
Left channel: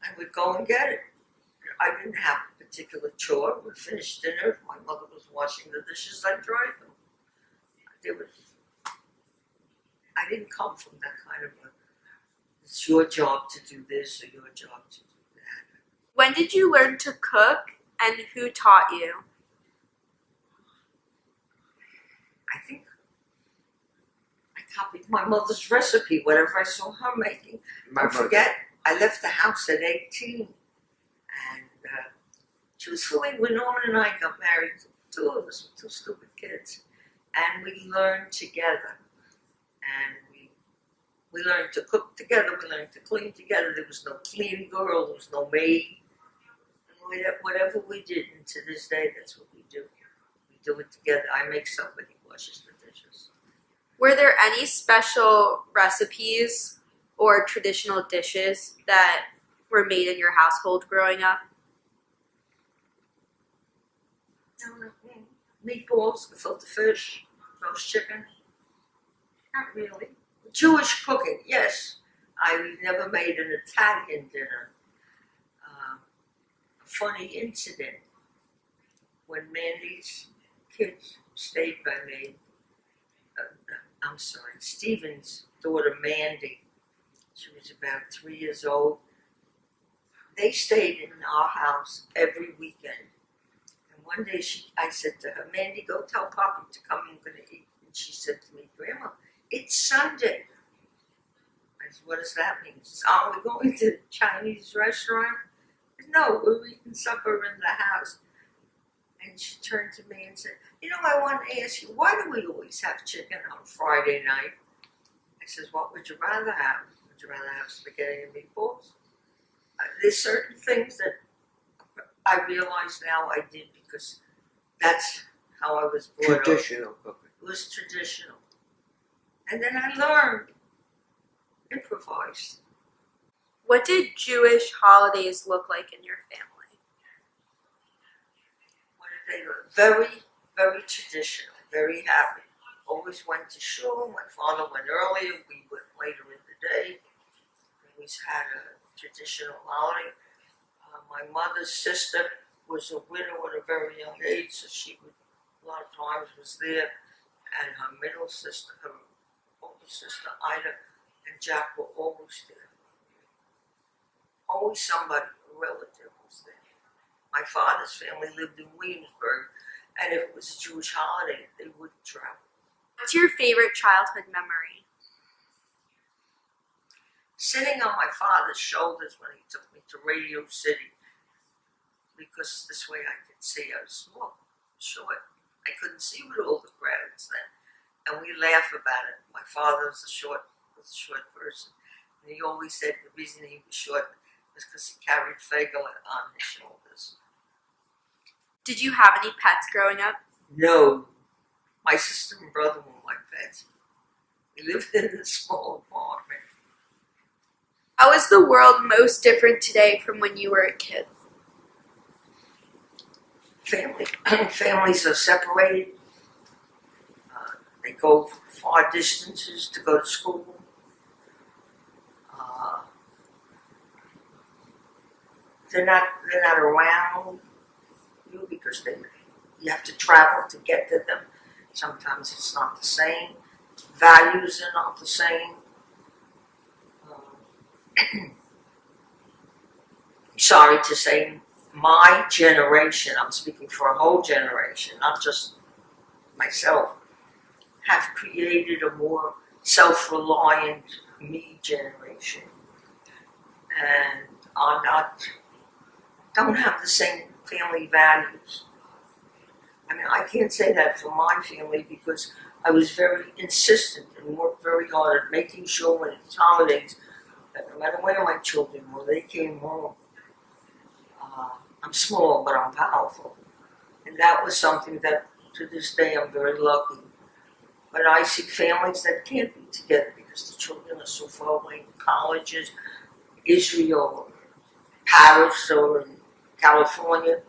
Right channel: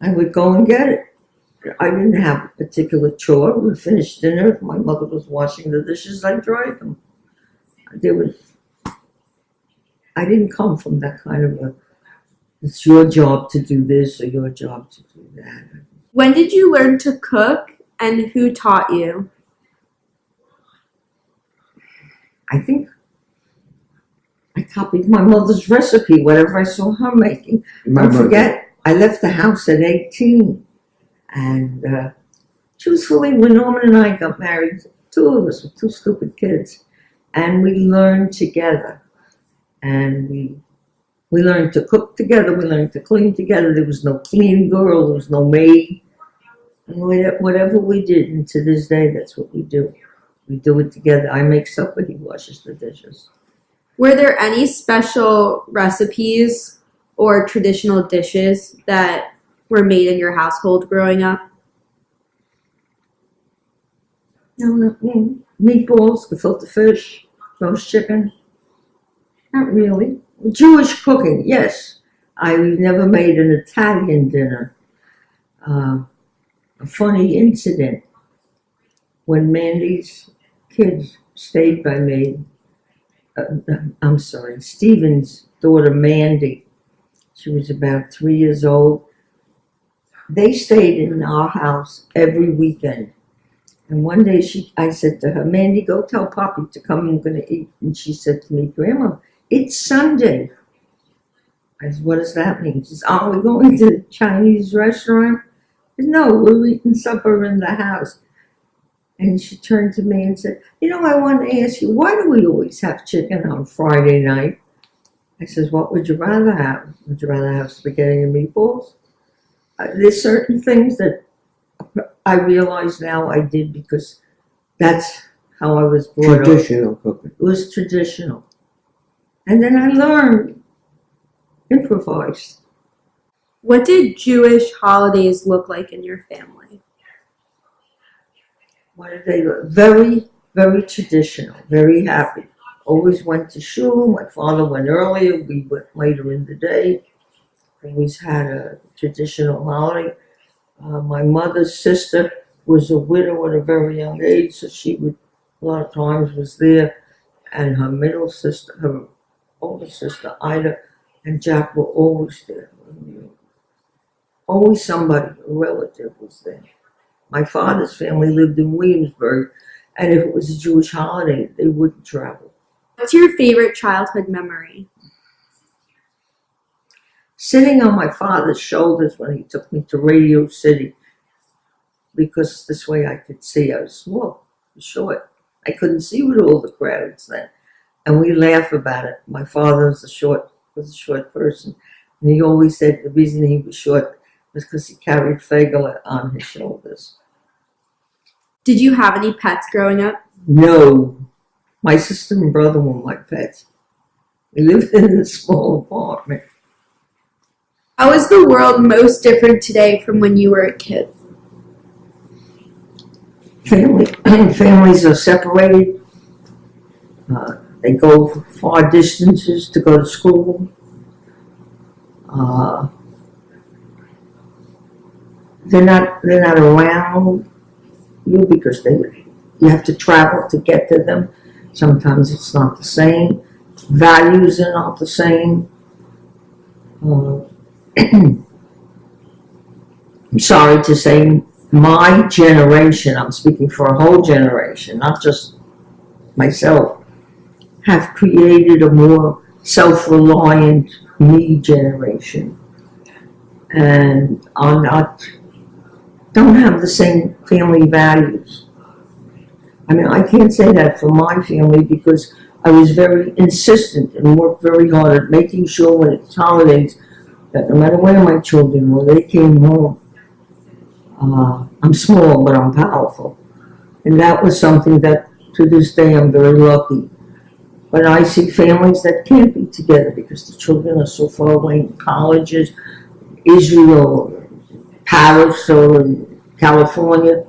I would go and get it. I didn't have a particular chore. We finished dinner. If my mother was washing the dishes, I dried them. I didn't come from that kind of it's your job to do this or your job to do that. When did you learn to cook and who taught you? I think I copied my mother's recipe, whatever I saw her making. Don't forget, I left the house at 18. And truthfully, when Norman and I got married, 2 of us were 2 stupid kids. And we learned together. And we learned to cook together. We learned to clean together. There was no cleaning girl. There was no maid. And whatever we did, and to this day, that's what we do. We do it together. I make supper. He washes the dishes. Were there any special recipes or traditional dishes that were made in your household growing up? No, meatballs, gefilte fish, roast chicken. Not really. Jewish cooking, yes. I never made an Italian dinner. A funny incident when Mandy's kids stayed by me. Stephen's daughter Mandy. She was about 3 years old. They stayed in our house every weekend. And one day I said to her, Mandy, go tell Poppy to come, I'm going to eat. And she said to me, Grandma, it's Sunday. I said, what does that mean? She says, are we going to the Chinese restaurant? I said, no, we're eating supper in the house. And she turned to me and said, I want to ask you, why do we always have chicken on Friday night? I says, what would you rather have? Would you rather have spaghetti and meatballs? There's certain things that I realize now I did because that's how I was brought up. Traditional cooking. It was traditional. And then I learned, improvised. What did Jewish holidays look like in your family? What did they look? Very, very traditional, very happy. Always went to shul. My father went earlier. We went later in the day. Always had a traditional holiday. My mother's sister was a widow at a very young age, so she would, a lot of times was there. And her middle sister, her older sister, Ida, and Jack were always there. Always somebody, a relative was there. My father's family lived in Williamsburg, and if it was a Jewish holiday, they wouldn't travel. What's your favorite childhood memory? Sitting on my father's shoulders when he took me to Radio City, because this way I could see. I was small, short. I couldn't see with all the crowds then. And we laugh about it. My father was a short person. And he always said the reason he was short was because he carried Fagel on his shoulders. Did you have any pets growing up? No. My sister and brother were my pets. We lived in a small apartment. How is the world most different today from when you were a kid? Families are separated. They go far distances to go to school. They're not around you because you have to travel to get to them. Sometimes it's not the same. Values are not the same. I'm sorry to say, my generation, I'm speaking for a whole generation, not just myself, have created a more self-reliant me generation and don't have the same family values. I mean, I can't say that for my family because I was very insistent and worked very hard at making sure when it's holidays that no matter where my children were, they came home. I'm small, but I'm powerful. And that was something that, to this day, I'm very lucky. But I see families that can't be together because the children are so far away in colleges, Israel, Paris, or in California.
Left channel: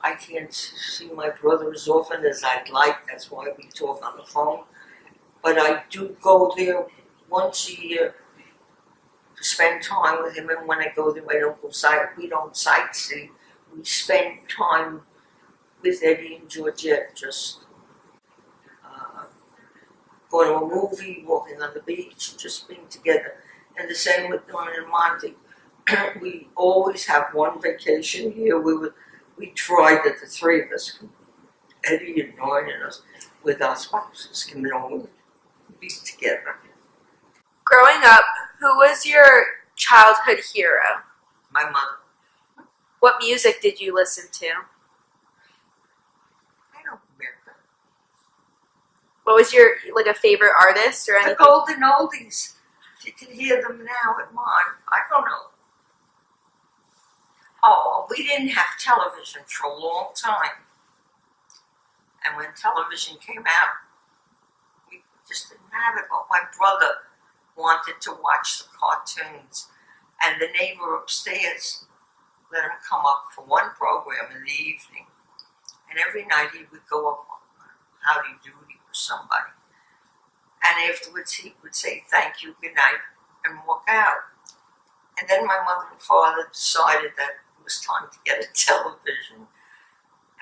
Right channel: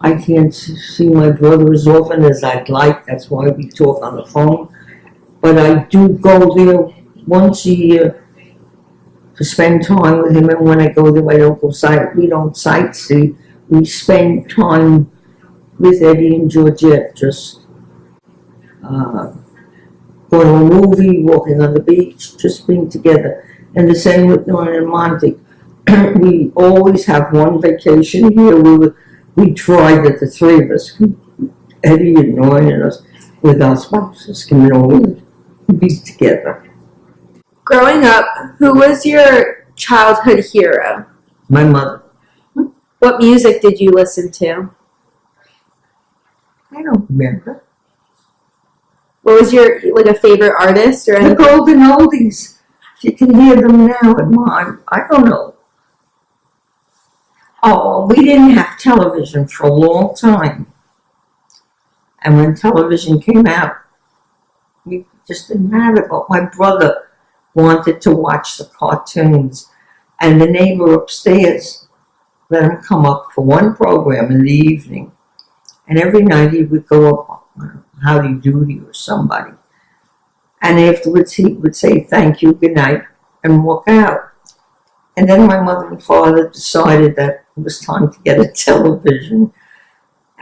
I can't see my brother as often as I'd like. That's why we talk on the phone. But I do go there once a year to spend time with him. And when I go there, we don't sightsee. We spend time with Eddie and Georgette, just going to a movie, walking on the beach, just being together. And the same with Norman and Monty. We always have one vacation here. We tried that the three of us, Eddie and Norman and us, with our spouses, can always be together. Growing up, who was your childhood hero? My mother. What music did you listen to? I don't remember. What was your, a favorite artist or The anything? golden oldies. You can hear them now at mine. I don't know. Oh, we didn't have television for a long time. And when television came out, we just didn't have it. But my brother wanted to watch the cartoons. And the neighbor upstairs let him come up for one program in the evening. And every night he would go up on howdy doody or somebody. And afterwards he would say thank you, good night, and walk out. And then my mother and father decided that it was time to get a television.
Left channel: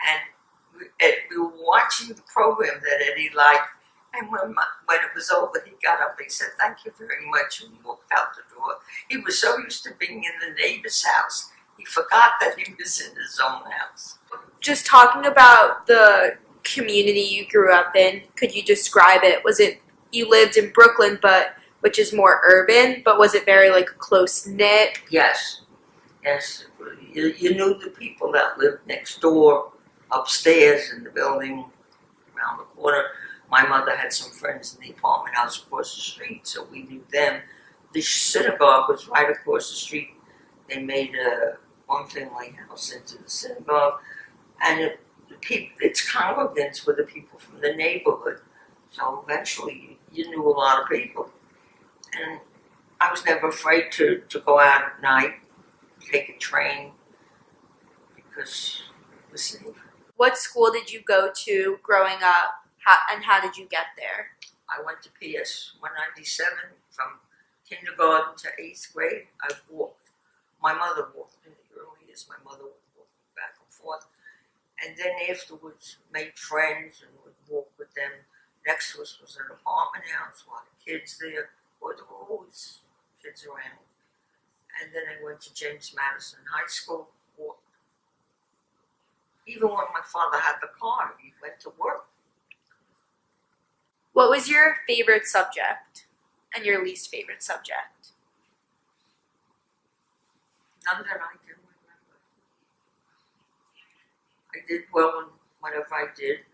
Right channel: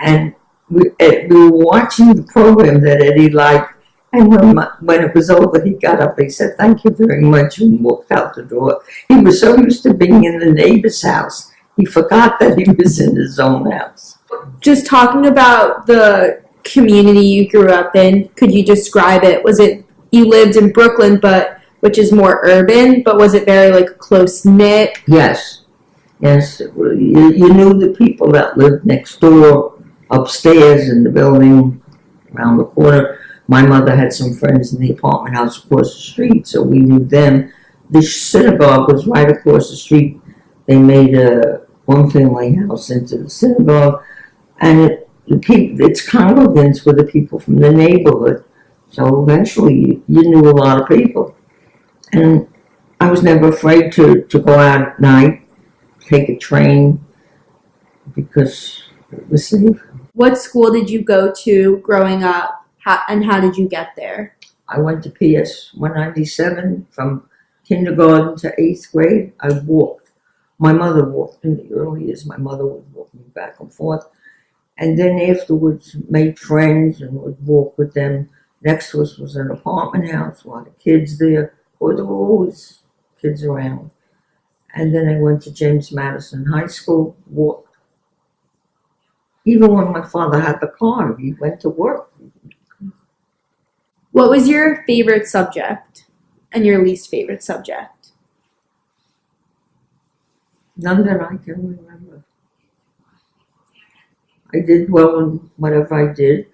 And we were watching the program that Eddie liked. And when it was over, he got up, he said, thank you very much, and walked out the door. He was so used to being in the neighbor's house, he forgot that he was in his own house. Just talking about the community you grew up in, could you describe it? Was it, you lived in Brooklyn, but which is more urban, but was it very like close knit? Yes, yes. You knew the people that lived next door, upstairs in the building, around the corner. My mother had some friends in the apartment house across the street, so we knew them. The synagogue was right across the street. They made a one-family house into the synagogue, and its congregants were the people from the neighborhood. So eventually, you knew a lot of people. And I was never afraid to go out at night, take a train, because it was safe. What school did you go to growing up, and how did you get there? I went to PS 197 from kindergarten to 8th grade. I walked. My mother walked in the early years. My mother would walk me back and forth. And then afterwards made friends and would walk with them. Next to us was an apartment house, a lot of kids there. Or there were always kids around. And then I went to James Madison High School, walked. Even when my father had the car, he went to work. What was your favorite subject and your least favorite subject? None that I can remember. I did well in whatever I did.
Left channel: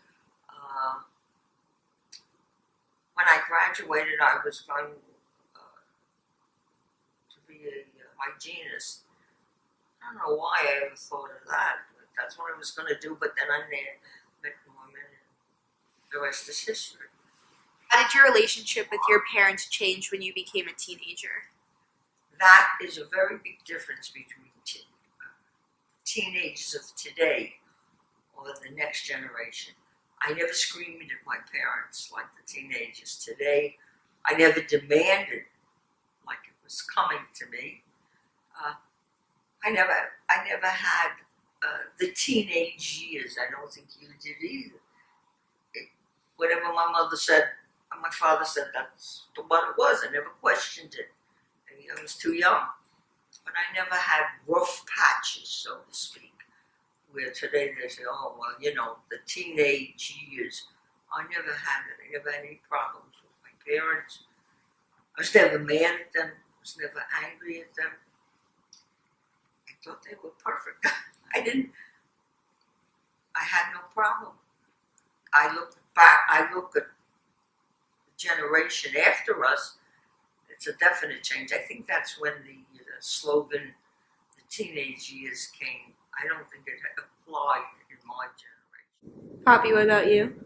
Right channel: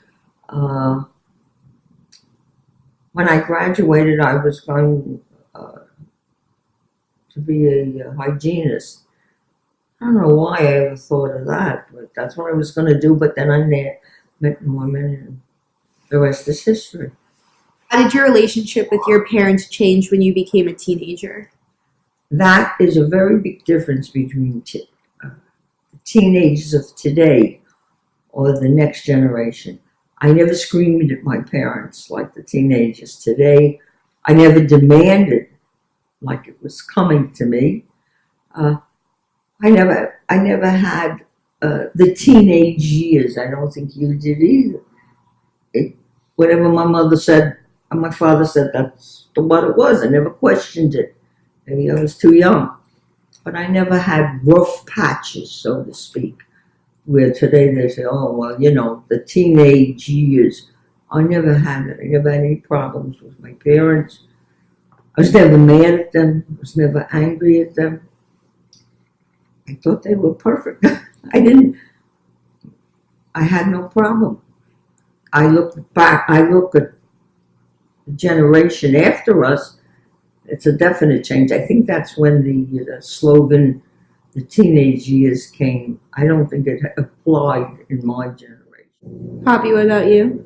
When I graduated, I was going to be a hygienist. I don't know why I ever thought of that, but that's what I was going to do. But then I met Norman, and the rest is history. How did your relationship with your parents change when you became a teenager? That is a very big difference between the teenagers of today or the next generation. I never screamed at my parents like the teenagers today. I never demanded like it was coming to me. I never had the teenage years. I don't think you did either. Whatever my mother said and my father said, that's what it was. I never questioned it. Maybe I was too young. But I never had rough patches, so to speak, where today they say, oh, well, you know, the teenage years. I never had it. I never had any problems with my parents. I was never mad at them. I was never angry at them. I thought they were perfect. I had no problem. I look at the generation after us, it's a definite change. I think that's when the slogan, the teenage years came. I don't think it applied in my generation. Poppy, what about you?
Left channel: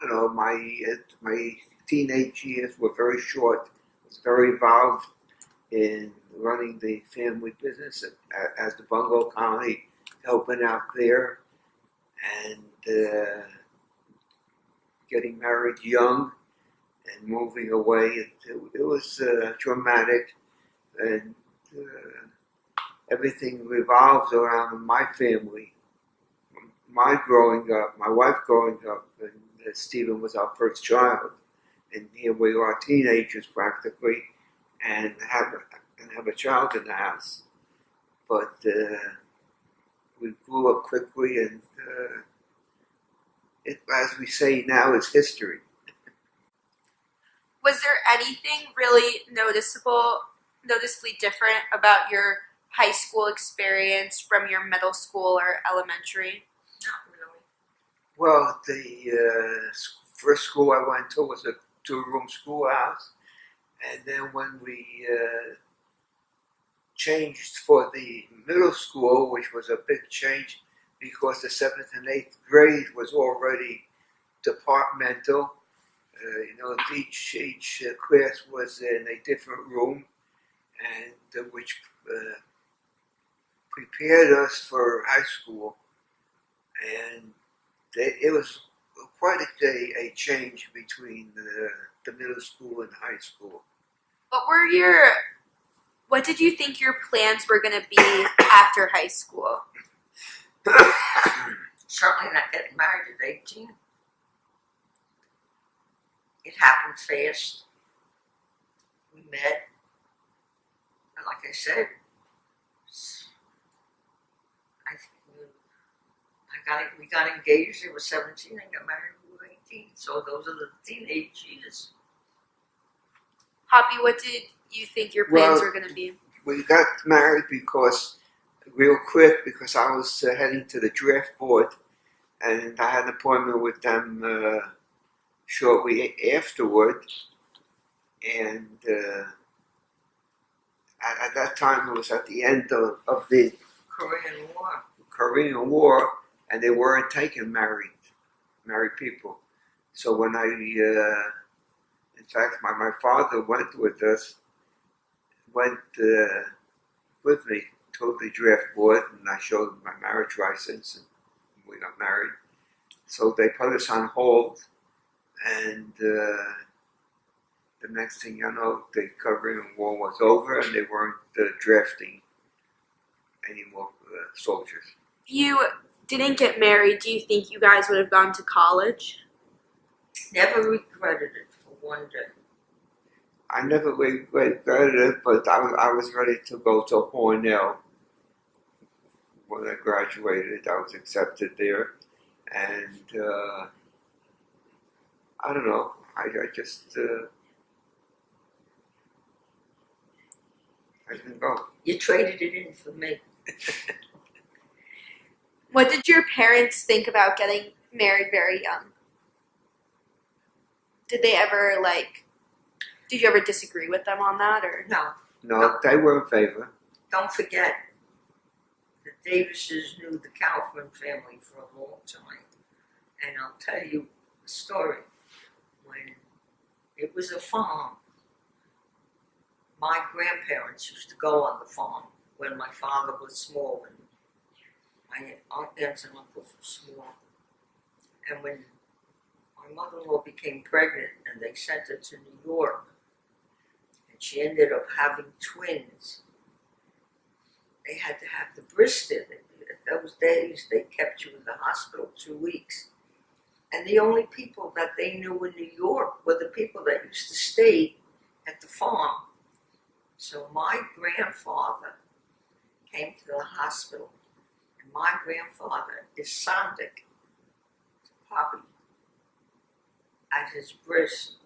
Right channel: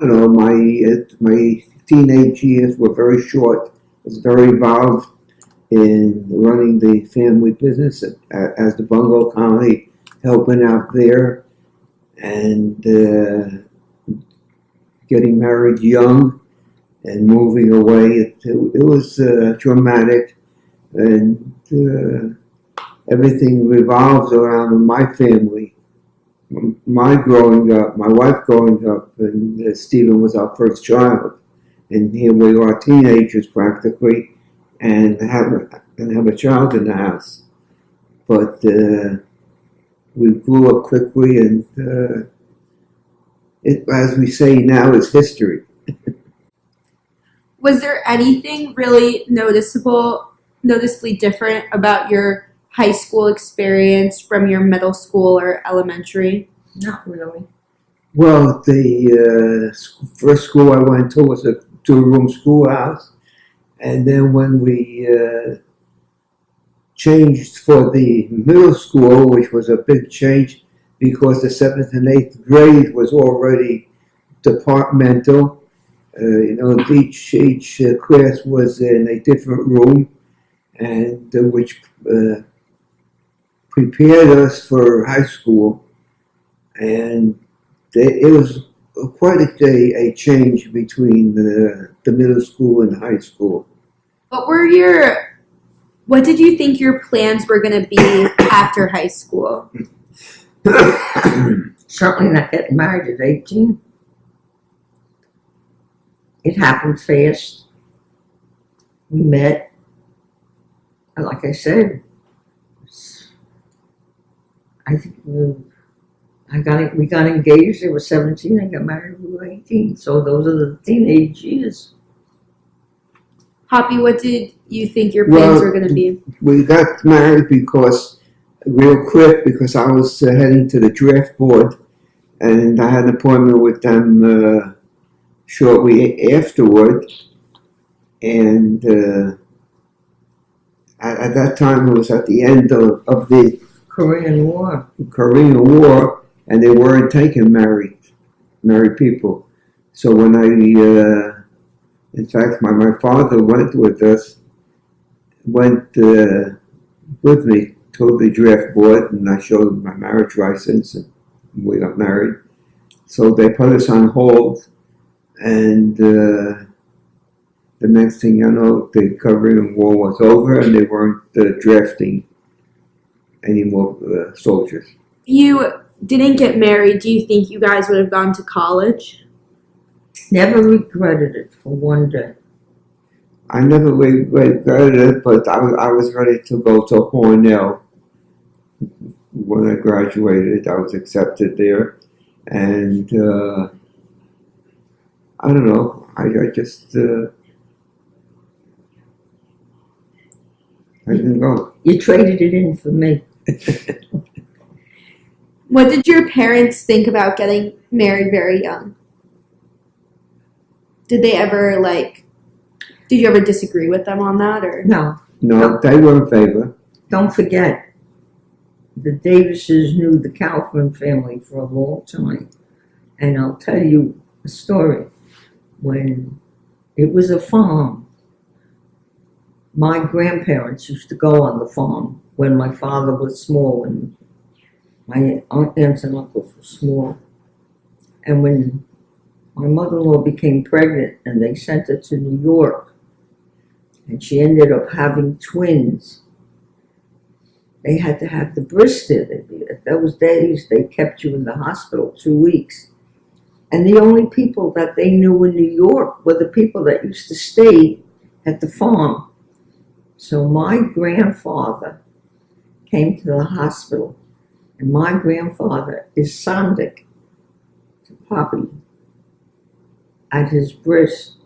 You know, my teenage years were very short. I was very involved in running the family business as the Bungalow Colony, helping out there, and getting married young and moving away. It was dramatic, and everything revolves around my family. My growing up, my wife growing up, and Stephen was our first child. And here we are, teenagers practically, and have a child in the house. But we grew up quickly, and as we say now, it's history. Was there anything really noticeably different about your high school experience from your middle school or elementary? Not really. Well, the first school I went to was a two-room schoolhouse. And then when we changed for the middle school, which was a big change because the 7th and 8th grade was already departmental. Each class was in a different room, and which prepared us for high school. And it was quite a change between the middle school and high school. What did you think your plans were going to be after high school? Certainly not getting married at 18. It happened fast. We met. And like I said, I think we got engaged. They were 17. I got married. We were 18. So those are the teenage years. Poppy, what did you think your plans were going to be? We got married because I was heading to the draft board, and I had an appointment with them shortly afterward. And at that time, it was at the end of the Korean War, and they weren't taking married people. So when in fact, my father went with me to the draft board, and I showed him my marriage license, and we got married. So they put us on hold, and the next thing you know, the Korean War was over, and they weren't drafting any more soldiers. You didn't get married. Do you think you guys would have gone to college? Never regretted it for one day. I never regretted it, but I was ready to go to Cornell. When I graduated, I was accepted there, and I don't know. I just I didn't go. You traded it in for me. What did your parents think about getting married very young? Did you ever disagree with them on that, or? No, they were in favor. Don't forget, the Davises knew the Kaufman family for a long time. And I'll tell you a story. When it was a farm, my grandparents used to go on the farm when my father was small and my aunts and uncles were small. And when my mother-in-law became pregnant and they sent her to New York, and she ended up having twins, they had to have the bris there. At those days, they kept you in the hospital 2 weeks. And the only people that they knew in New York were the people that used to stay at the farm. So my grandfather came to the hospital, and my grandfather is Sandik to Poppy at his bris.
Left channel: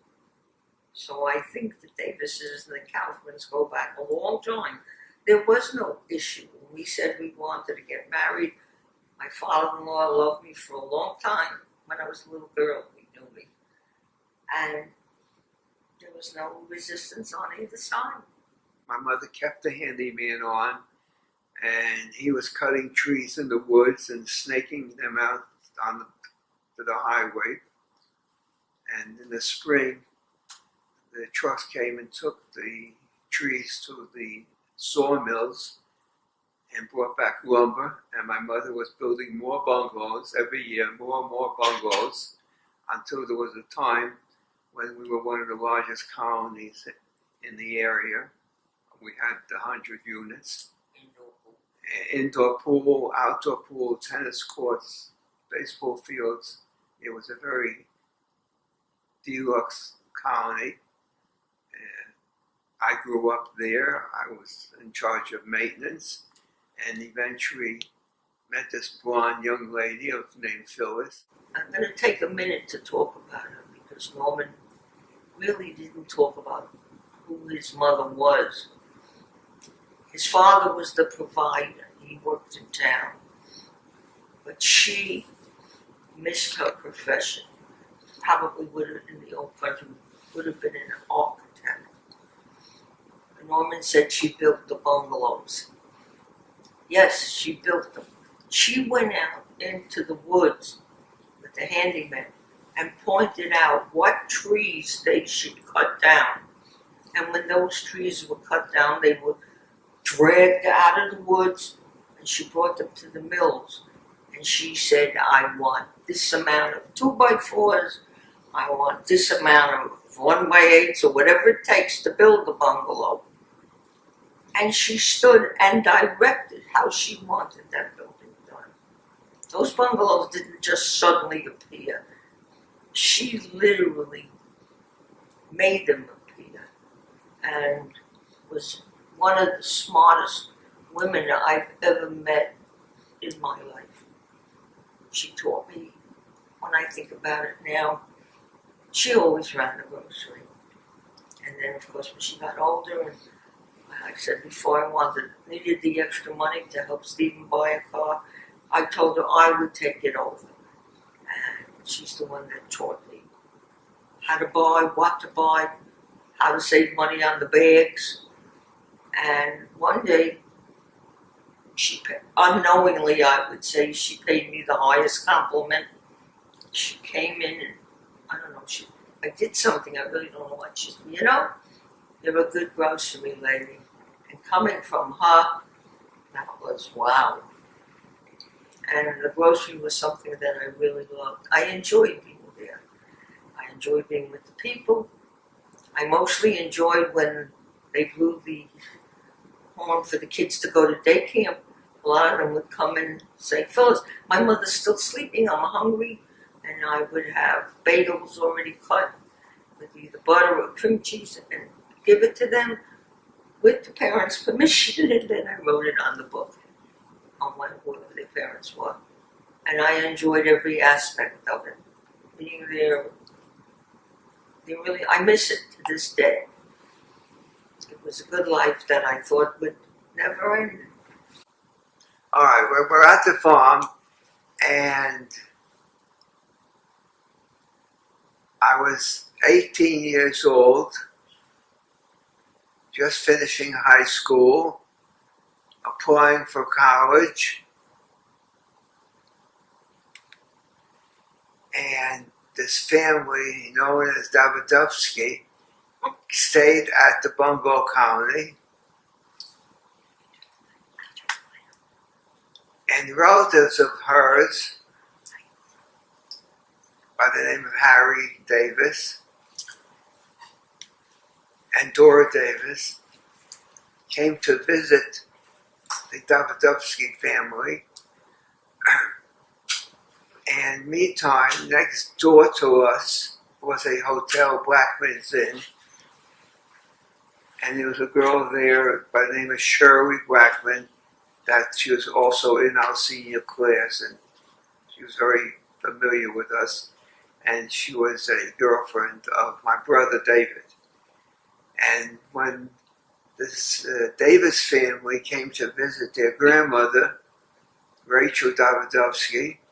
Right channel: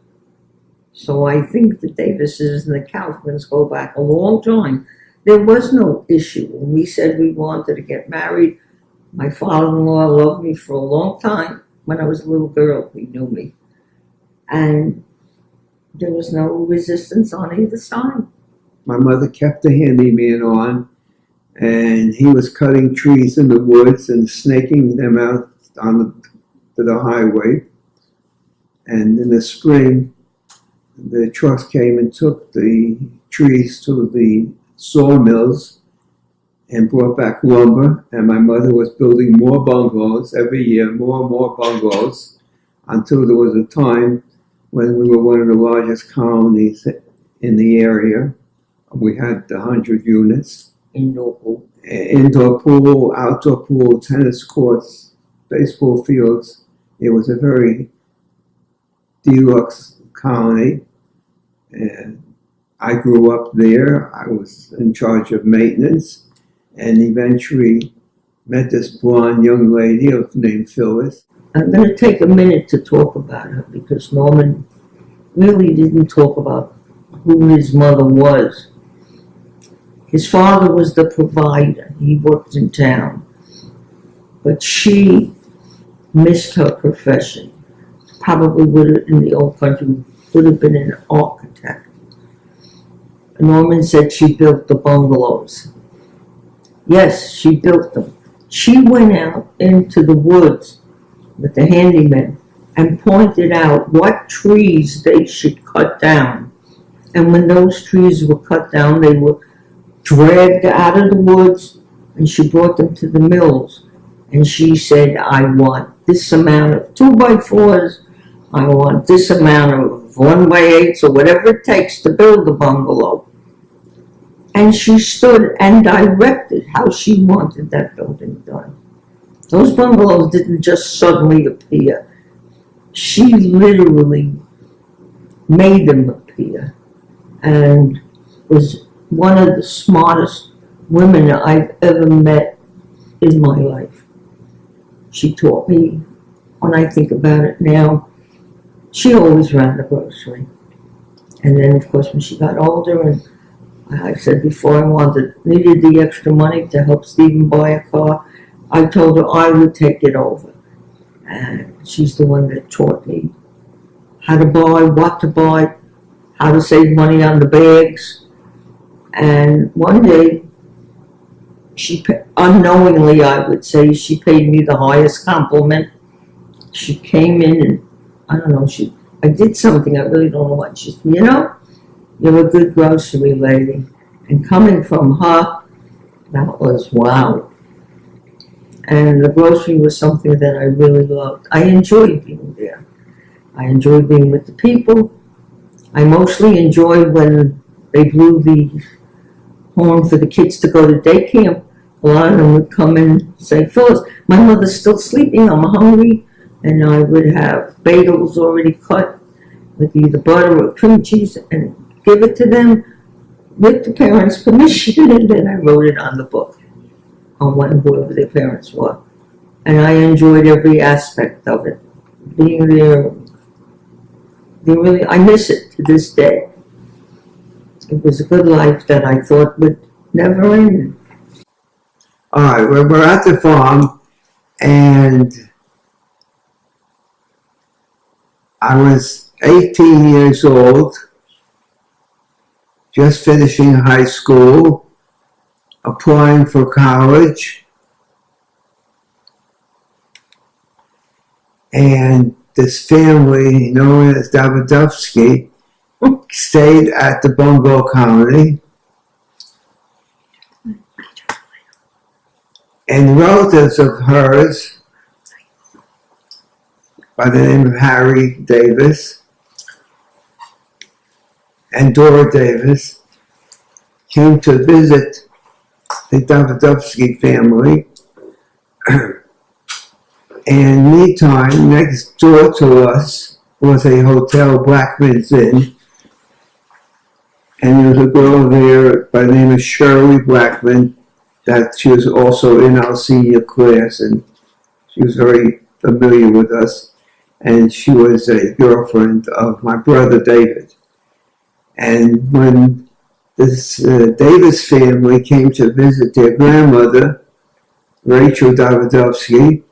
So I think the Davises and the Kaufmans go back a long time. There was no issue. When we said we wanted to get married, my father-in-law loved me for a long time. When I was a little girl, he knew me. And there was no resistance on either side. My mother kept the handyman on, and he was cutting trees in the woods and snaking them out to the highway. And in the spring, the trucks came and took the trees to the sawmills and brought back lumber. And my mother was building more bungalows every year, more and more bungalows, until there was a time when we were one of the largest colonies in the area. We had 100 units. Indoor pool, outdoor pool, tennis courts, baseball fields. It was a very deluxe colony. And I grew up there. I was in charge of maintenance, and eventually met this blonde young lady named Phyllis. I'm going to take a minute to talk about her because Norman really didn't talk about who his mother was. His father was the provider. He worked in town. But she missed her profession. Probably would have, in the old country, would have been an architect. Norman said she built the bungalows. Yes, she built them. She went out into the woods with the handyman and pointed out what trees they should cut down. And when those trees were cut down, they were dragged out of the woods, and she brought them to the mills. And she said, I want this amount of 2x4s, I want this amount of 1x8s, or whatever it takes to build the bungalow. And she stood and directed how she wanted that building done. Those bungalows didn't just suddenly appear. She literally made them appear, and was one of the smartest women I've ever met in my life. She taught me, when I think about it now, she always ran the grocery. And then, of course, when she got older, and I said before, needed the extra money to help Stephen buy a car, I told her I would take it over. And she's the one that taught me how to buy, what to buy, how to save money on the bags. And one day, unknowingly, I would say, she paid me the highest compliment. She came in and, I don't know, I did something, I really don't know what. She said, you're a good grocery lady. And coming from her, that was wow. And the grocery was something that I really loved. I enjoyed being there. I enjoyed being with the people. I mostly enjoyed when they blew the horn for the kids to go to day camp. A lot of them would come in and say, Phyllis, my mother's still sleeping, I'm hungry. And I would have bagels already cut with either butter or cream cheese and give it to them with the parents' permission. And then I wrote it on the book on whoever their parents were. And I enjoyed every aspect of it. Being there, I miss it to this day. It was a good life that I thought would never end. All right, we're at the farm, and I was 18 years old, just finishing high school, applying for college, and this family known as Davidovsky stayed at the bungalow colony, and relatives of hers by the name of Harry Davis and Dora Davis came to visit the Davidovsky family. And meantime, next door to us was a hotel, Blackman's Inn, and there was a girl there by the name of Shirley Blackman that she was also in our senior class, and she was very familiar with us, and she was a girlfriend of my brother David. And when this Davis family came to visit their grandmother, Rachel Davidovsky,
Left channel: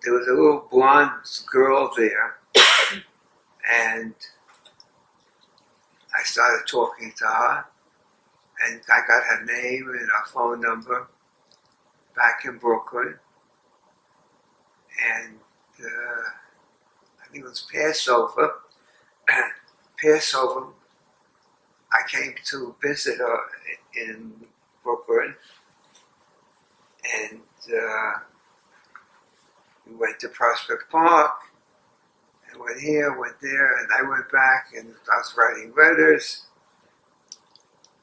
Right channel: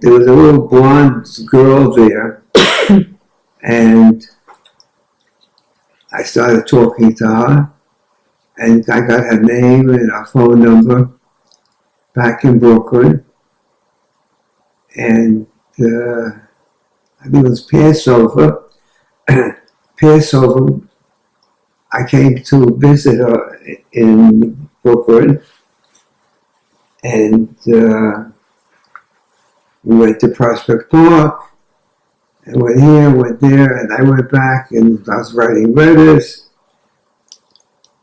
there was a little blonde girl there, and I started talking to her, and I got her name and her phone number back in Brooklyn. And I think it was Passover. Passover, I came to visit her in Brooklyn, and we went to Prospect Park, and went here, went there, and I went back, and I was writing letters,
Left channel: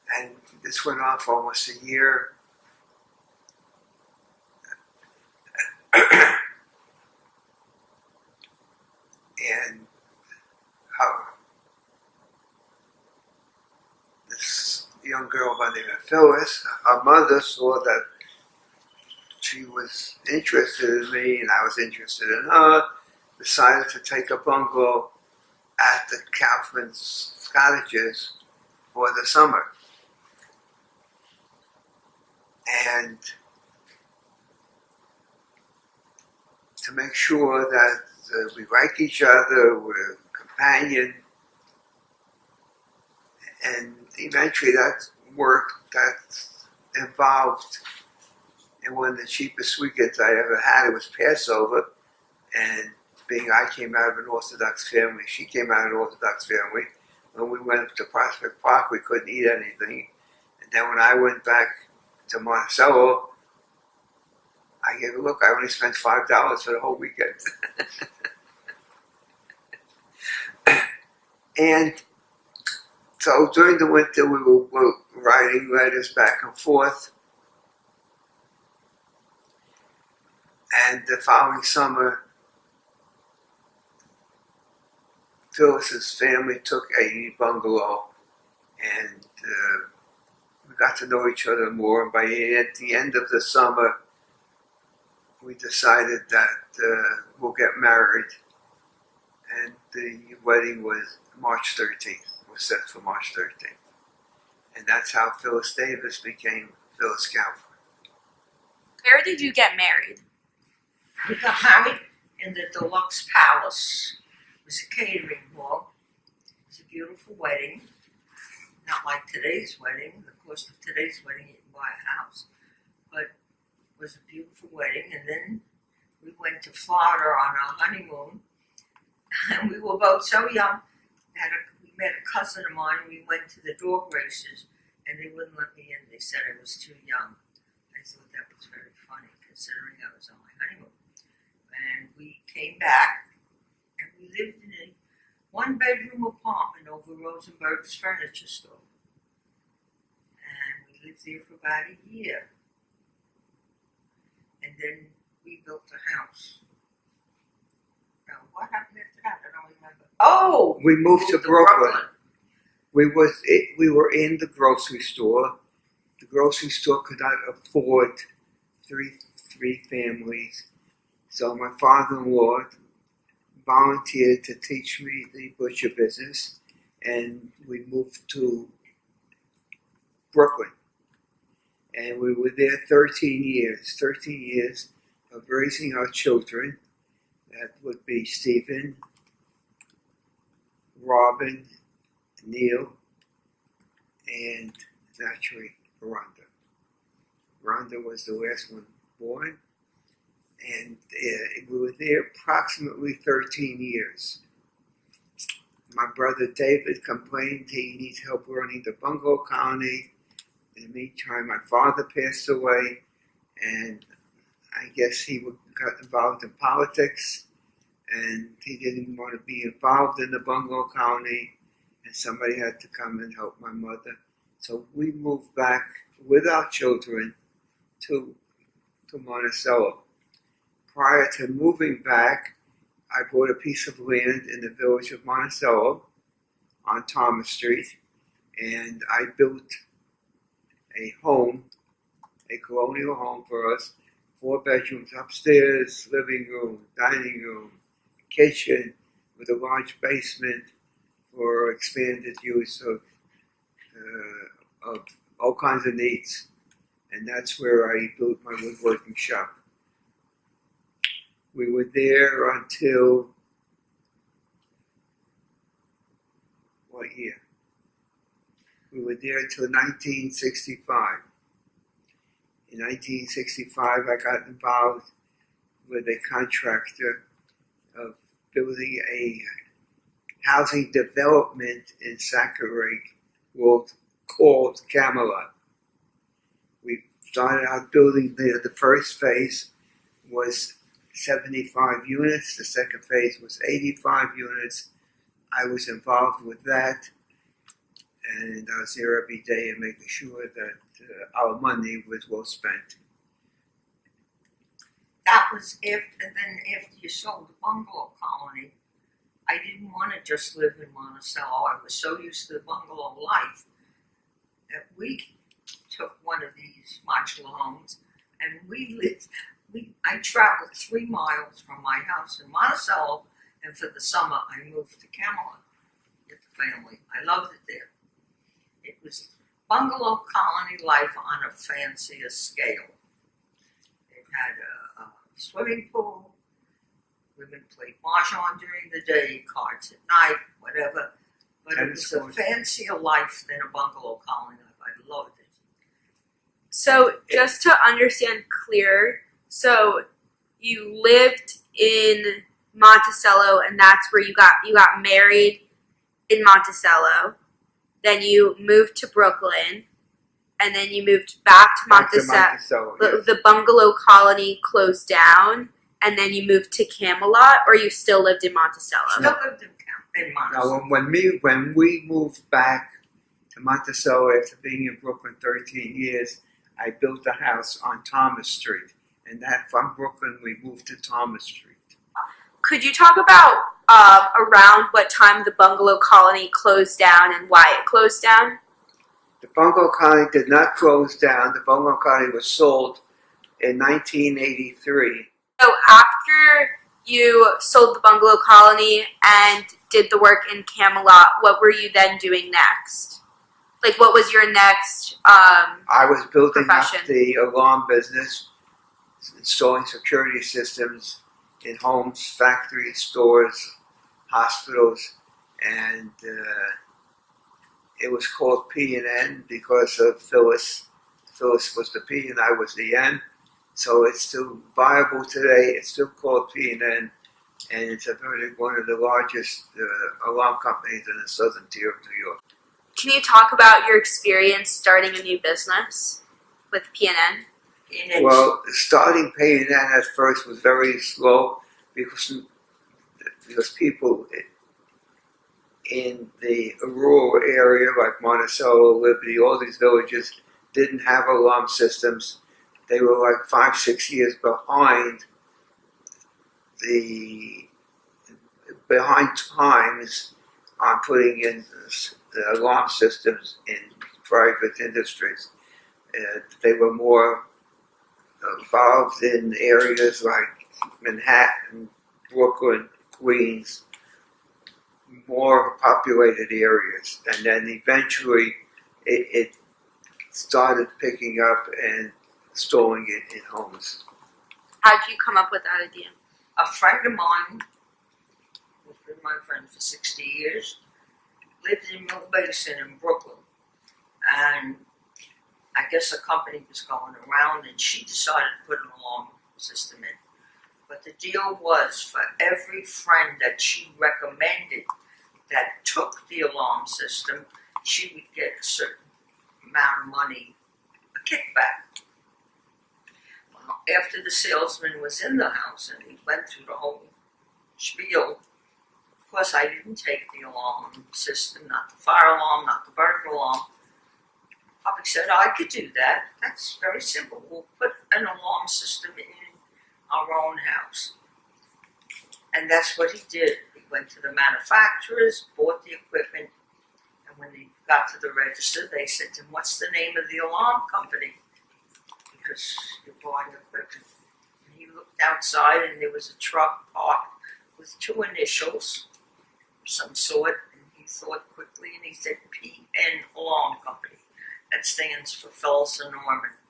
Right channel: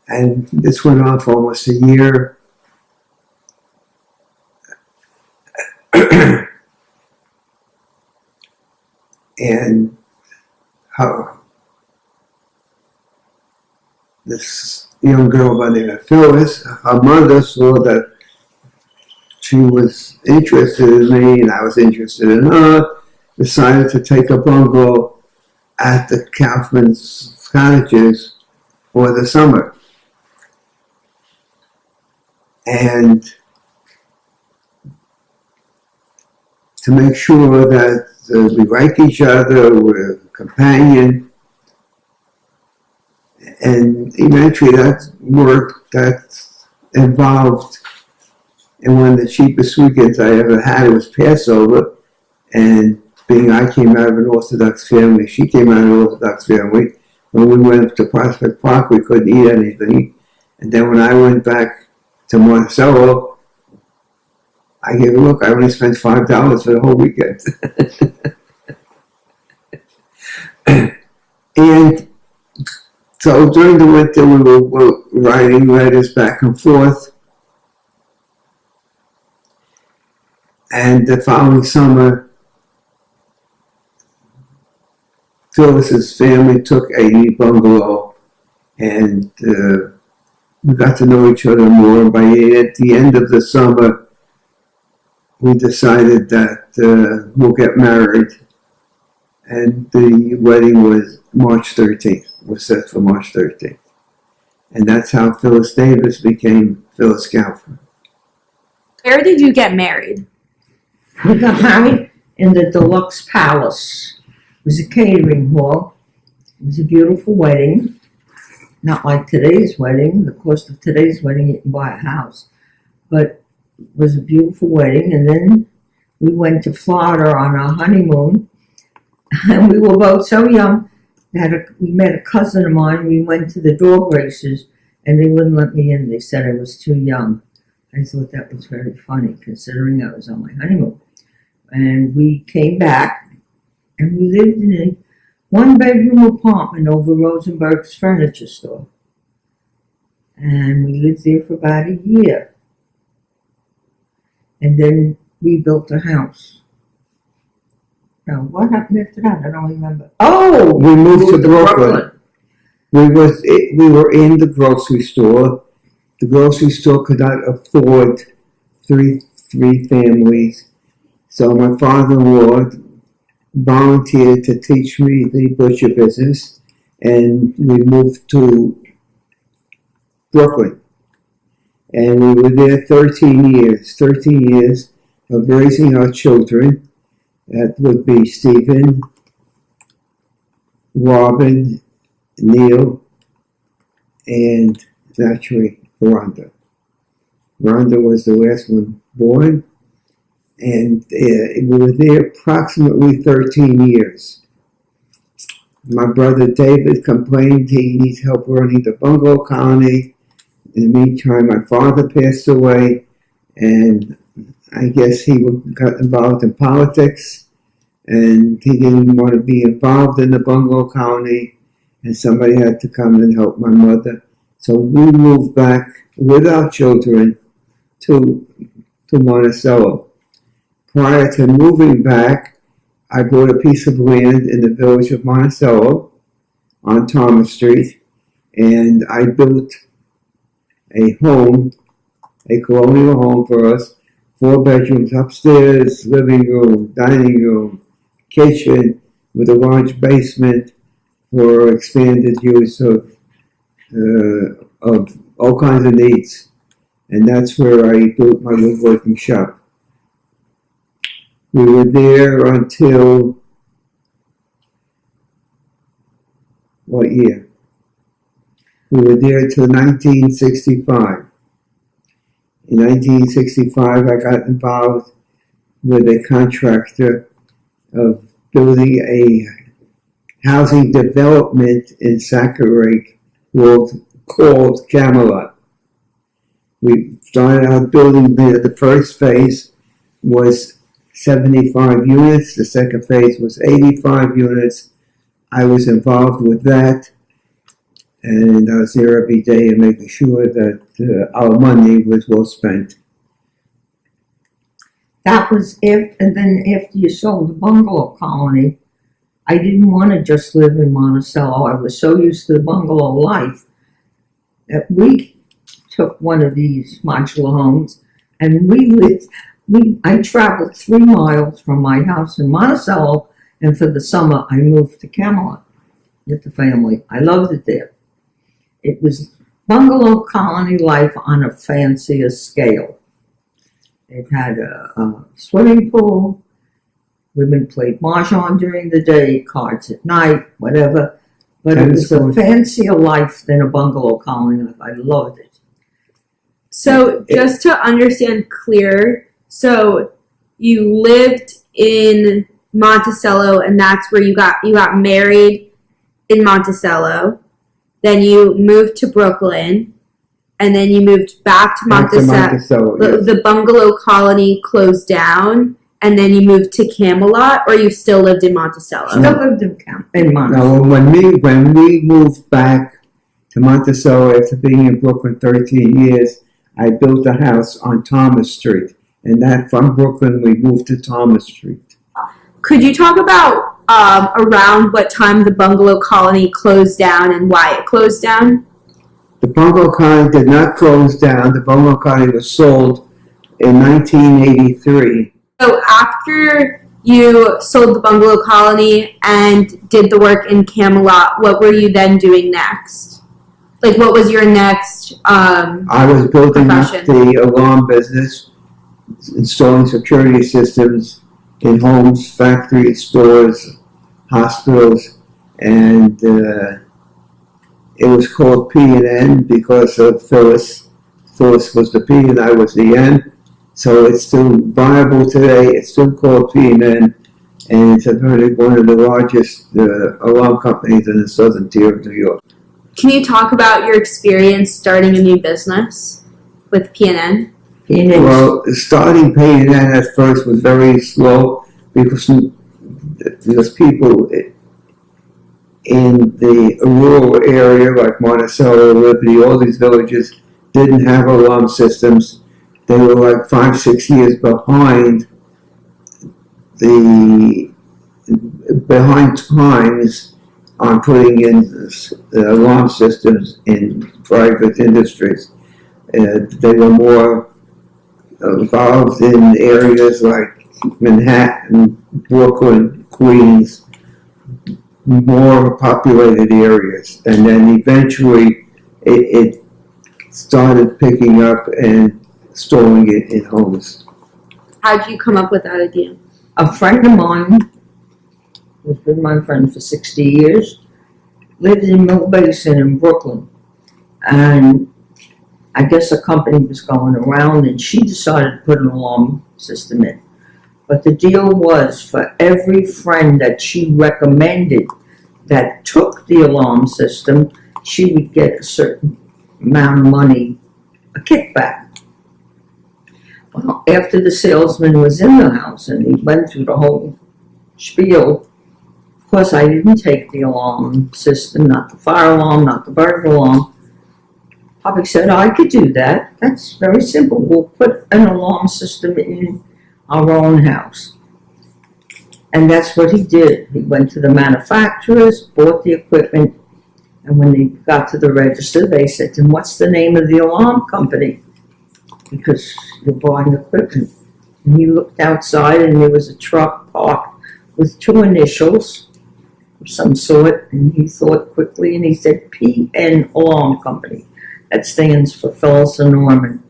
and this went on for almost a year. And this young girl by the name of Phyllis, her mother saw that she was interested in me and I was interested in her, decided to take a bungalow at the Kaufman's cottages for the summer. And to make sure that we like each other, we're a companion, and eventually that work that involved, and one of the cheapest weekends I ever had, it was Passover, and being I came out of an Orthodox family, she came out of an Orthodox family. When we went to Prospect Park, we couldn't eat anything, and then when I went back to Monticello, I gave a look. I only spent $5 for the whole weekend. And so during the winter, we were writing letters back and forth. And the following summer, Phyllis's family took a bungalow, and we got to know each other more. By at the end of the summer, we decided that we'll get married, and the wedding was March 13th. Was set for March 13th, and that's how Phyllis Davis became Phyllis Galford. Where did you get married? We got married in the Deluxe Palace. It was a catering hall. It was a beautiful wedding. Not like today's wedding. The cost of today's wedding, you can buy a house. But it was a beautiful wedding. And then we went to Florida on our honeymoon. And we were both so young. We met a cousin of mine. We went to the dog races. And they wouldn't let me in. They said I was too young. I thought that was very funny, considering I was on my honeymoon. And we came back, and we lived in a one-bedroom apartment over Rosenberg's furniture store. And we lived there for about a year. And then we built a house. Now, what happened after that? I don't remember. Oh! We moved to Brooklyn. We were in the grocery store. The grocery store could not afford three families. So my father-in-law volunteered to teach me the butcher business, and we moved to Brooklyn. And we were there 13 years of raising our children. That would be Stephen, Robin, Neil, and naturally Rhonda. Rhonda was the last one born. And we were there approximately 13 years. My brother David complained he needs help running the bungalow colony. In the meantime, my father passed away, and I guess he got involved in politics, and he didn't want to be involved in the bungalow colony, and somebody had to come and help my mother. So we moved back with our children to Monticello. Prior to moving back, I bought a piece of land in the village of Monticello on Thomas Street, and I built a home, a colonial home for us, 4 bedrooms upstairs, living room, dining room, kitchen, with a large basement for expanded use of all kinds of needs. And that's where I built my woodworking shop. We were there until, what year? We were there until 1965. In 1965, I got involved with a contractor of building a housing development in Sackarake called Camelot. We started out building there. The first phase was 75 units. The second phase was 85 units. I was involved with that, and I was there every day and making sure that our money was well spent. That was and then after you sold the bungalow colony, I didn't want to just live in Monticello. I was so used to the bungalow life that we took one of these modular homes, and I traveled 3 miles from my house in Monticello, and for the summer I moved to Camelot with the family. I loved it there. It was bungalow colony life on a fancier scale. It had a swimming pool. Women played mahjong during the day, cards at night, whatever. But it was a fancier life than a bungalow colony life. I loved it. So just to understand clear, so you lived in Monticello, and that's where you got married in Monticello. Then you moved to Brooklyn, and then you moved back to Back to Monticello. Monticello, yes. The bungalow colony closed down, and then you moved to Camelot, or you still lived in Monticello? Still lived in Monticello. Now, when we moved back to Monticello after being in Brooklyn 13 years, I built a house on Thomas Street, and that from Brooklyn we moved to Thomas Street. Could you talk about around what time the bungalow colony closed down and why it closed down? The bungalow colony did not close down. The bungalow colony was sold in 1983. So after you sold the bungalow colony and did the work in Camelot, what were you then doing next? Like, what was your next I was building up profession? the alarm business, installing security systems in homes, factories, stores, hospitals, and it was called P&N because of Phyllis. Phyllis was the P and I was the N. So it's still viable today. It's still called P&N, and it's one of the largest alarm companies in the southern tier of New York. Can you talk about your experience starting a new business with PNN? Well, starting P&N at first was very slow because people in the rural area like Monticello, Liberty, all these villages didn't have alarm systems. They were like 5-6 years behind times on putting in alarm systems in private industries. They were more involved in areas like Manhattan, Brooklyn, Queens, more populated areas. And then eventually it started picking up and installing it in homes. How did you come up with that idea? A friend of mine, who's been my friend for 60 years, lived in Mill Basin in Brooklyn. And I guess a company was going around and she decided to put an alarm system in. But the deal was for every friend that she recommended that took the alarm system, she would get a certain amount of money, a kickback. Well, after the salesman was in the house and he went through the whole spiel, of course I didn't take the alarm system, not the fire alarm, not the burglar alarm. Papa said, I could do that. That's very simple. We'll put an alarm system in our own house. And that's what he did. He went to the manufacturers, bought the equipment, and when they got to the register, they said to him, what's the name of the alarm company? Because you're buying equipment. And he looked outside and there was a truck parked with 2 initials of some sort, and he thought quickly and he said, PN Alarm Company. That stands for Phyllis and Norman.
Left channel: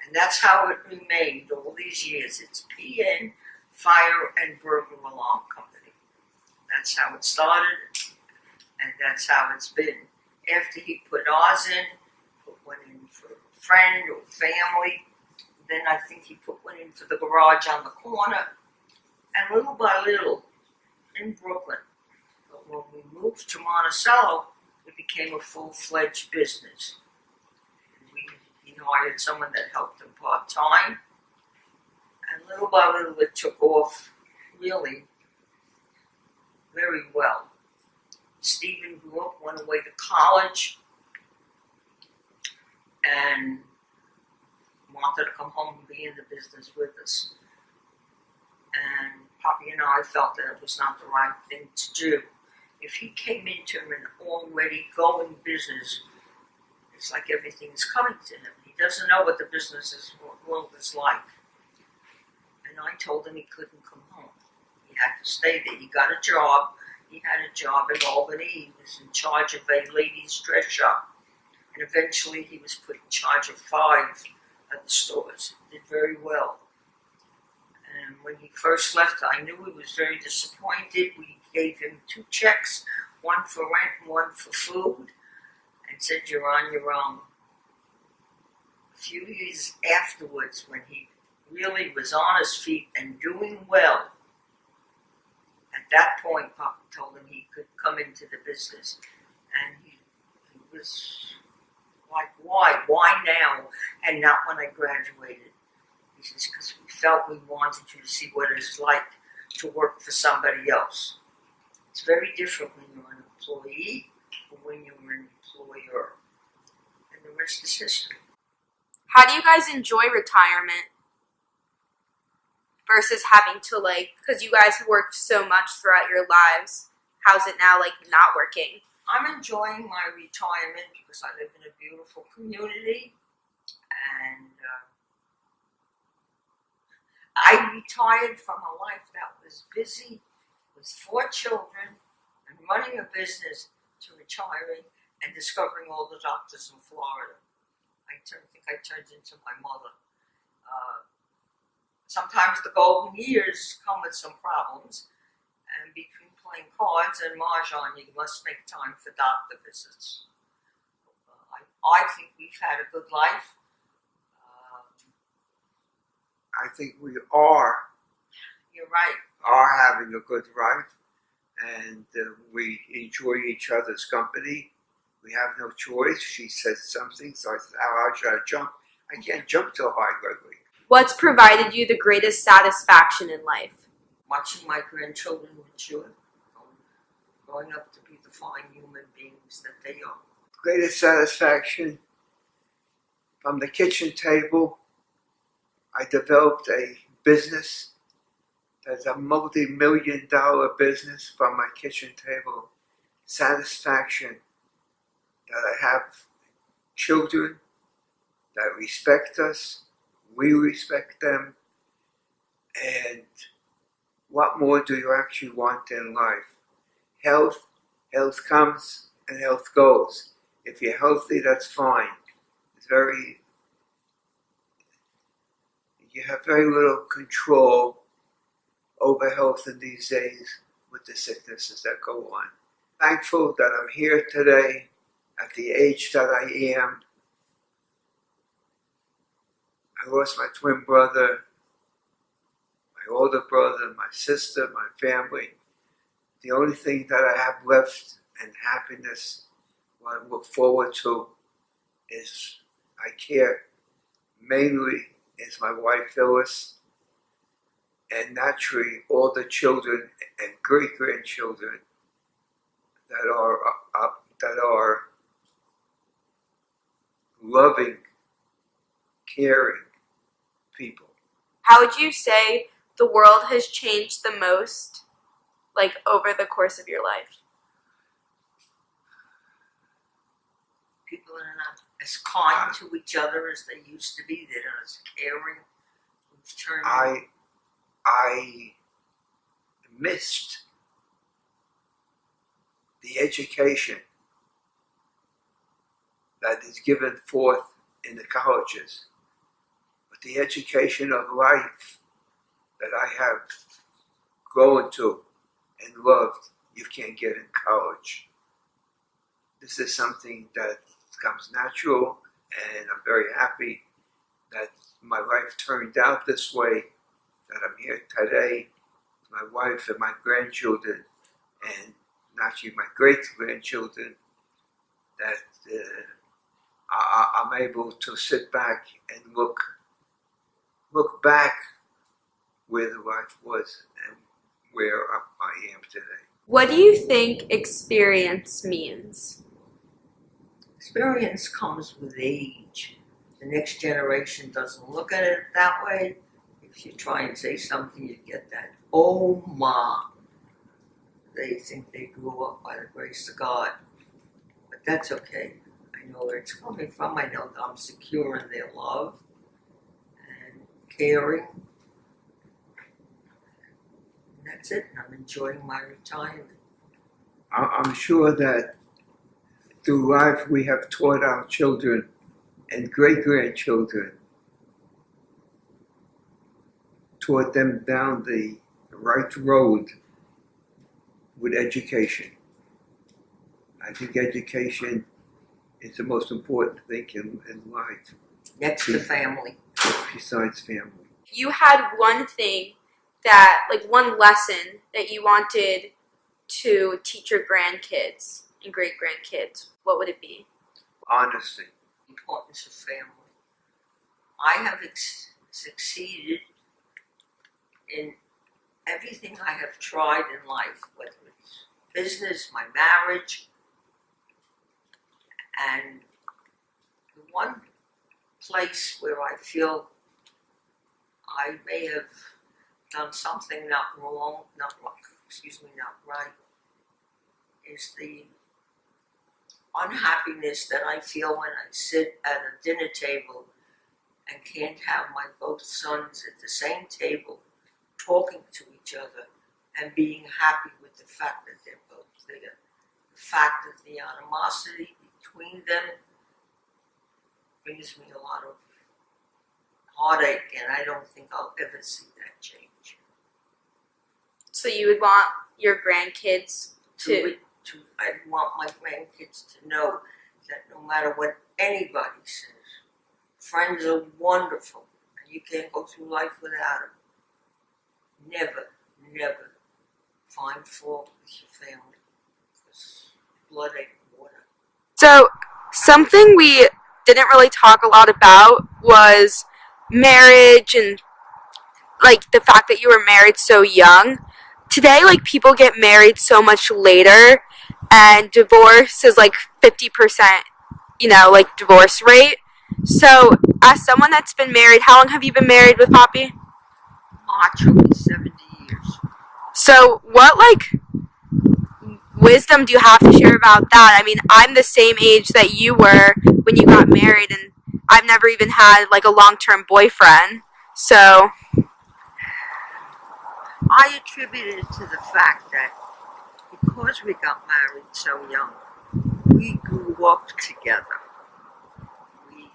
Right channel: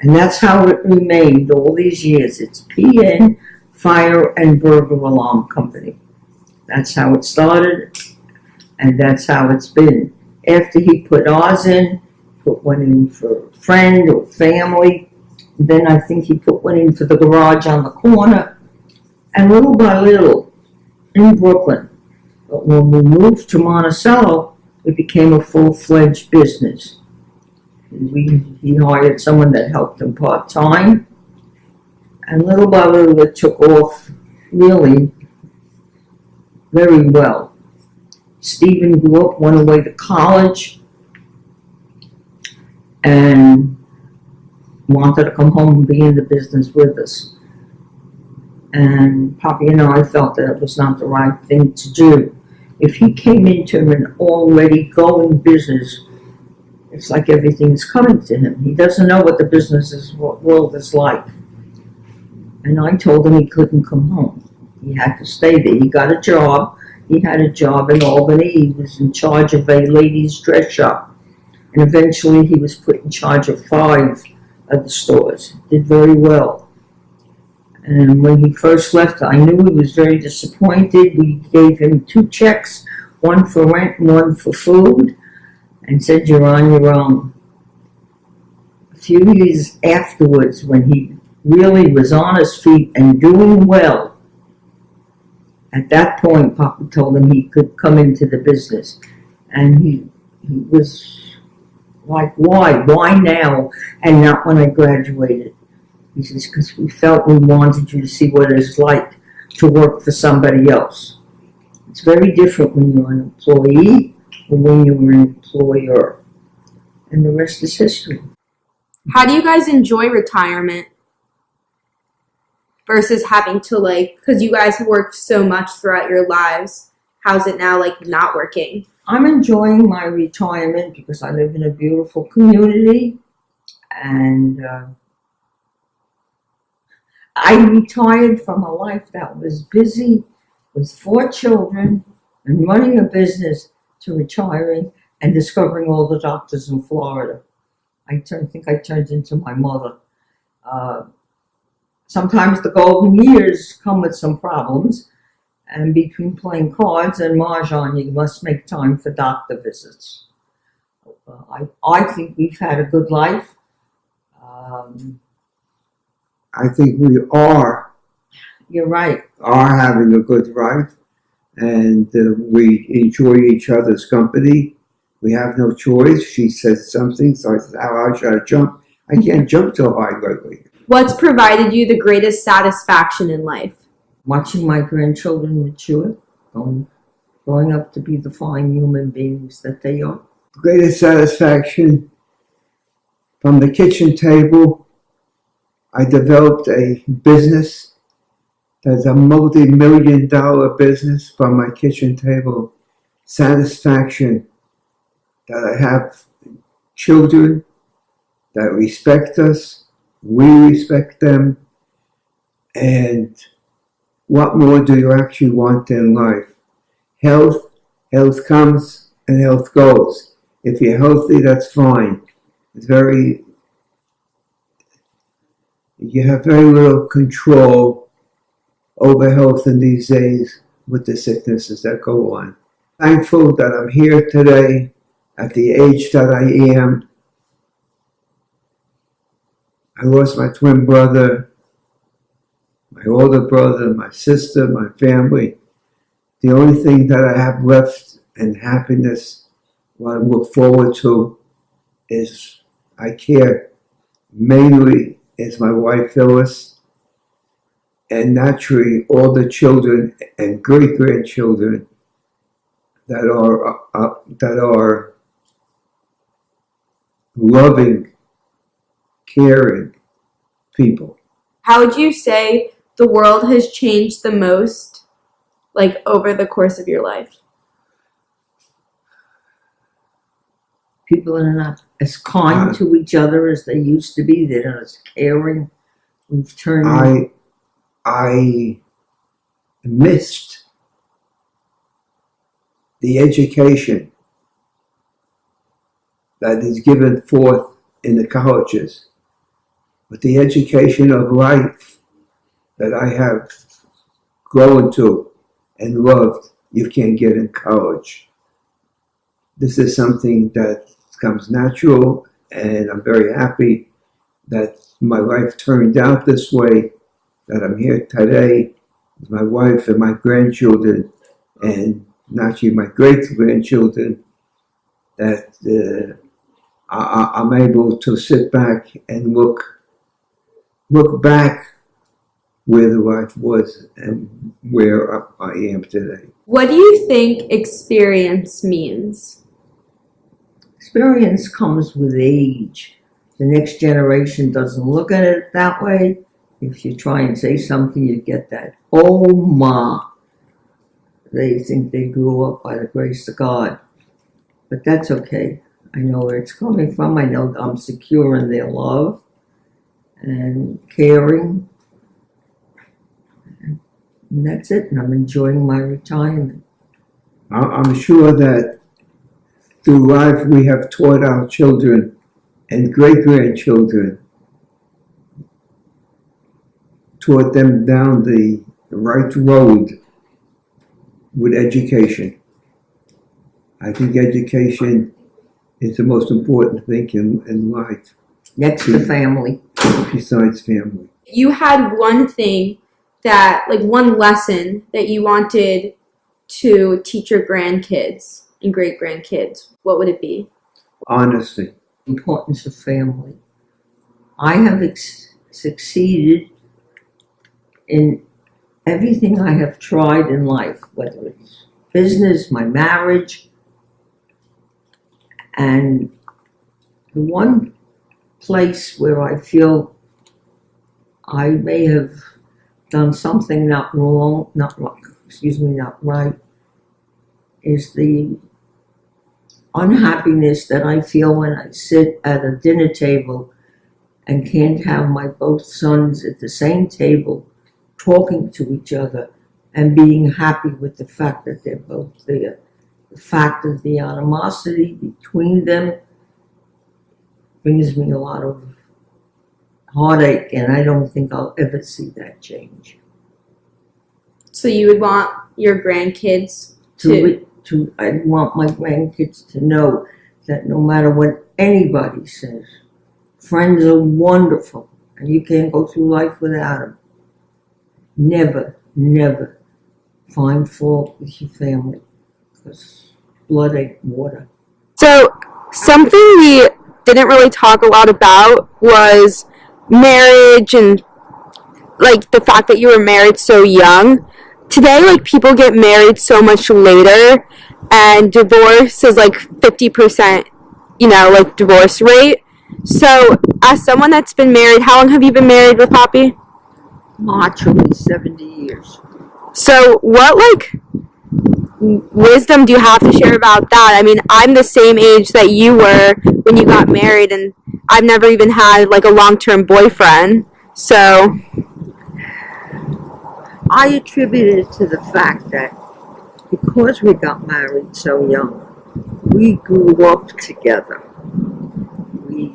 And that's how it remained all these years. It's PN Fire and Burglar Alarm Company. That's how it started, and that's how it's been. After he put ours in, put one in for a friend or family, then I think he put one in for the garage on the corner, and little by little, in Brooklyn. But when we moved to Monticello, it became a full-fledged business. He hired someone that helped him part-time, and little by little it took off really very well. Stephen grew up, went away to college, and wanted to come home and be in the business with us. And Poppy and I felt that it was not the right thing to do. If he came into an already going business, it's like everything's coming to him. He doesn't know what the world is like. And I told him he couldn't come home. He had to stay there. He got a job. He had a job in Albany. He was in charge of a ladies' dress shop. And eventually he was put in charge of 5 of the stores. Did very well. And when he first left, I knew he was very disappointed. We gave him 2 checks, one for rent and one for food, and said, you're on your own. A few years afterwards, when he really was on his feet and doing well, at that point, Papa told him he could come into the business. And he was Like, why? Why now and not when I graduated? He says, because we felt we wanted you to see what it's like to work for somebody else. It's very different when you're an employee or when you're an employer. And the rest is history. How do you guys enjoy retirement versus having to, like, because you guys have worked so much throughout your lives? How's it now, like, not working? I'm enjoying my retirement because I live in a beautiful community, and I retired from a life that was busy with 4 children and running a business to retiring and discovering all the doctors in Florida. I think I turned into my mother. Sometimes the golden years come with some problems, and between playing cards and mahjong, you must make time for doctor visits. I think we've had a good life. I think we are You're right. having a good life, and we enjoy each other's company. We have no choice. She says something, so I said, "How high should I jump? I can't jump so high lately." What's provided you the greatest satisfaction in life? Watching my grandchildren mature, growing up to be the fine human beings that they are. Greatest satisfaction from the kitchen table. I developed a business that's a multi-million-dollar business from my kitchen table. Satisfaction that I have children that respect us, we respect them, and what more do you actually want in life? Health comes and health goes. If you're healthy, that's fine. You have very little control over health in these days with the sicknesses that go on. Thankful that I'm here today at the age that I am. I lost my twin brother, my older brother, my sister, my family. The only thing that I have left and happiness, what I look forward to, is I care mainly is my wife Phyllis, and naturally all the children and great grandchildren that are loving, caring people. How would you say the world has changed the most, like, over the course of your life? People are not as kind to each other as they used to be. They're not as caring. We've turned. I missed the education that is given forth in the colleges, but the education of life that I have grown to and loved, you can't get in college. This is something that comes natural, and I'm very happy that my life turned out this way, that I'm here today with my wife and my grandchildren, and naturally my great-grandchildren, that I'm able to sit back and look back where the life was and where I am today. What do you think experience means? Experience comes with age. The next generation doesn't look at it that way. If you try and say something, you get that, "Oh, ma." They think they grew up by the grace of God. But that's okay. I know where it's coming from. I know I'm secure in their love and caring. And that's it. And I'm enjoying my retirement. I'm sure that through life we have taught our children and great-grandchildren, taught them down the right road with education. I think education is the most important thing in life. Next to family. Besides family. You had one thing that, like, one lesson that you wanted to teach your grandkids and great-grandkids. What would it be? Honesty. importance of family. I have succeeded in everything I have tried in life, whether it's business, my marriage, and the one place where I feel I may have done something not right, is the unhappiness that I feel when I sit at a dinner table and can't have my both sons at the same table talking to each other and being happy with the fact that they're both there. The fact of the animosity between them brings me a lot of heartache, and I don't think I'll ever see that change. So you would want your grandkids I want my grandkids to know that no matter what anybody says, friends are wonderful, and you can't go through life without them. Never, never find fault with your family, because blood ain't water. So something we didn't really talk a lot about was marriage and like the fact that you were married so young. Today, like, people get married so much later, and divorce is like 50%, like, divorce rate. So as someone that's been married, how long have you been married with Poppy? March will be 70 years. So what, like, wisdom do you have to share about that? I mean, I'm the same age that you were when you got married, and I've never even had, like, a long-term boyfriend. So I attribute it to the fact that because we got married so young, we grew up together. We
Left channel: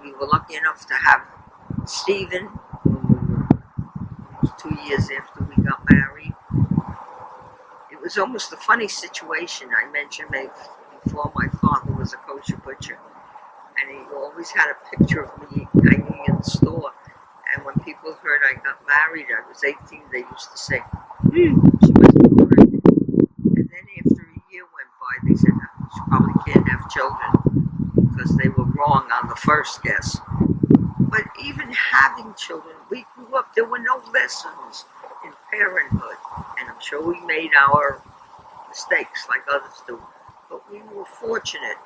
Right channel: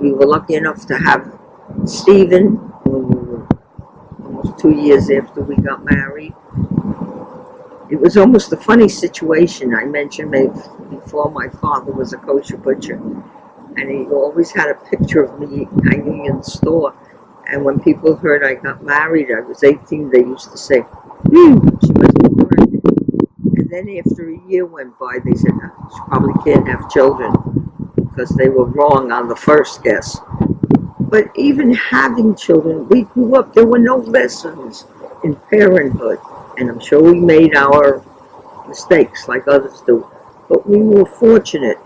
we were lucky enough to have Stephen, when we were almost 2 years after we got married. It was almost a funny situation. I mentioned before, my father was a kosher butcher, and he always had a picture of me hanging in the store. And when people heard I got married, I was 18, they used to say, she must be pregnant. And then after a year went by, they said, she probably can't have children, because they were wrong on the first guess. But even having children, we grew up, there were no lessons in parenthood. And I'm sure we made our mistakes like others do. But we were fortunate.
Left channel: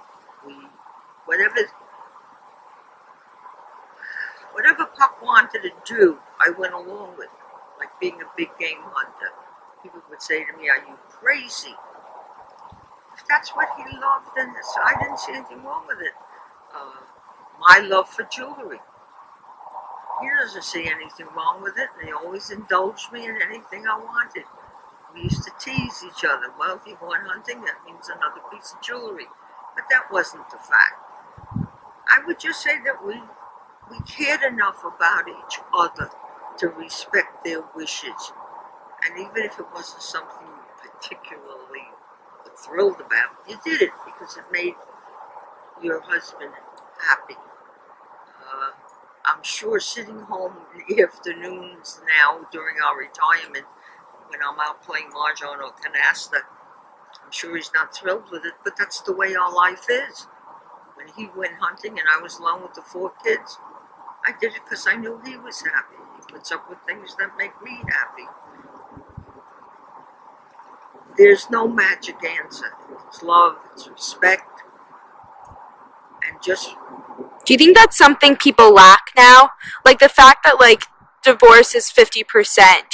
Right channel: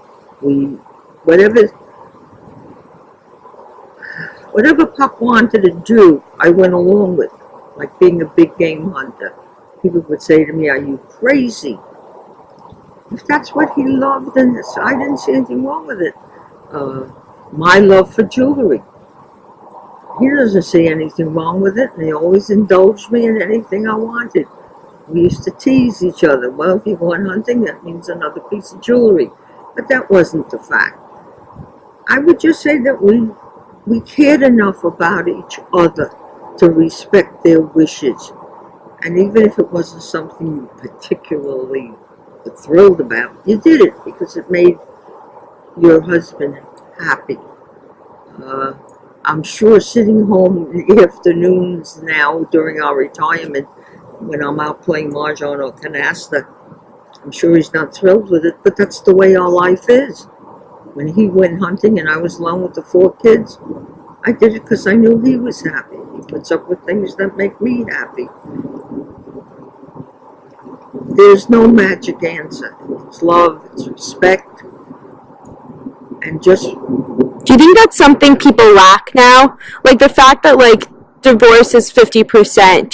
Whatever Pop wanted to do, I went along with, like being a big game hunter. People would say to me, are you crazy? If that's what he loved, then I didn't see anything wrong with it. My love for jewelry. He doesn't see anything wrong with it, and he always indulged me in anything I wanted. We used to tease each other. Well, if you're going hunting, that means another piece of jewelry. But that wasn't the fact. I would just say that we cared enough about each other to respect their wishes. And even if it wasn't something you particularly were thrilled about, you did it because it made your husband happy. I'm sure sitting home in the afternoons now during our retirement, when I'm out playing mahjong or canasta, I'm sure he's not thrilled with it, but that's the way our life is. When he went hunting and I was alone with the 4 kids, I did it because I knew he was happy. He puts up with things that make me happy. There's no magic answer. It's love, it's respect, and just... Do you think that's something people lack now? Like the fact that, like, divorce is 50%.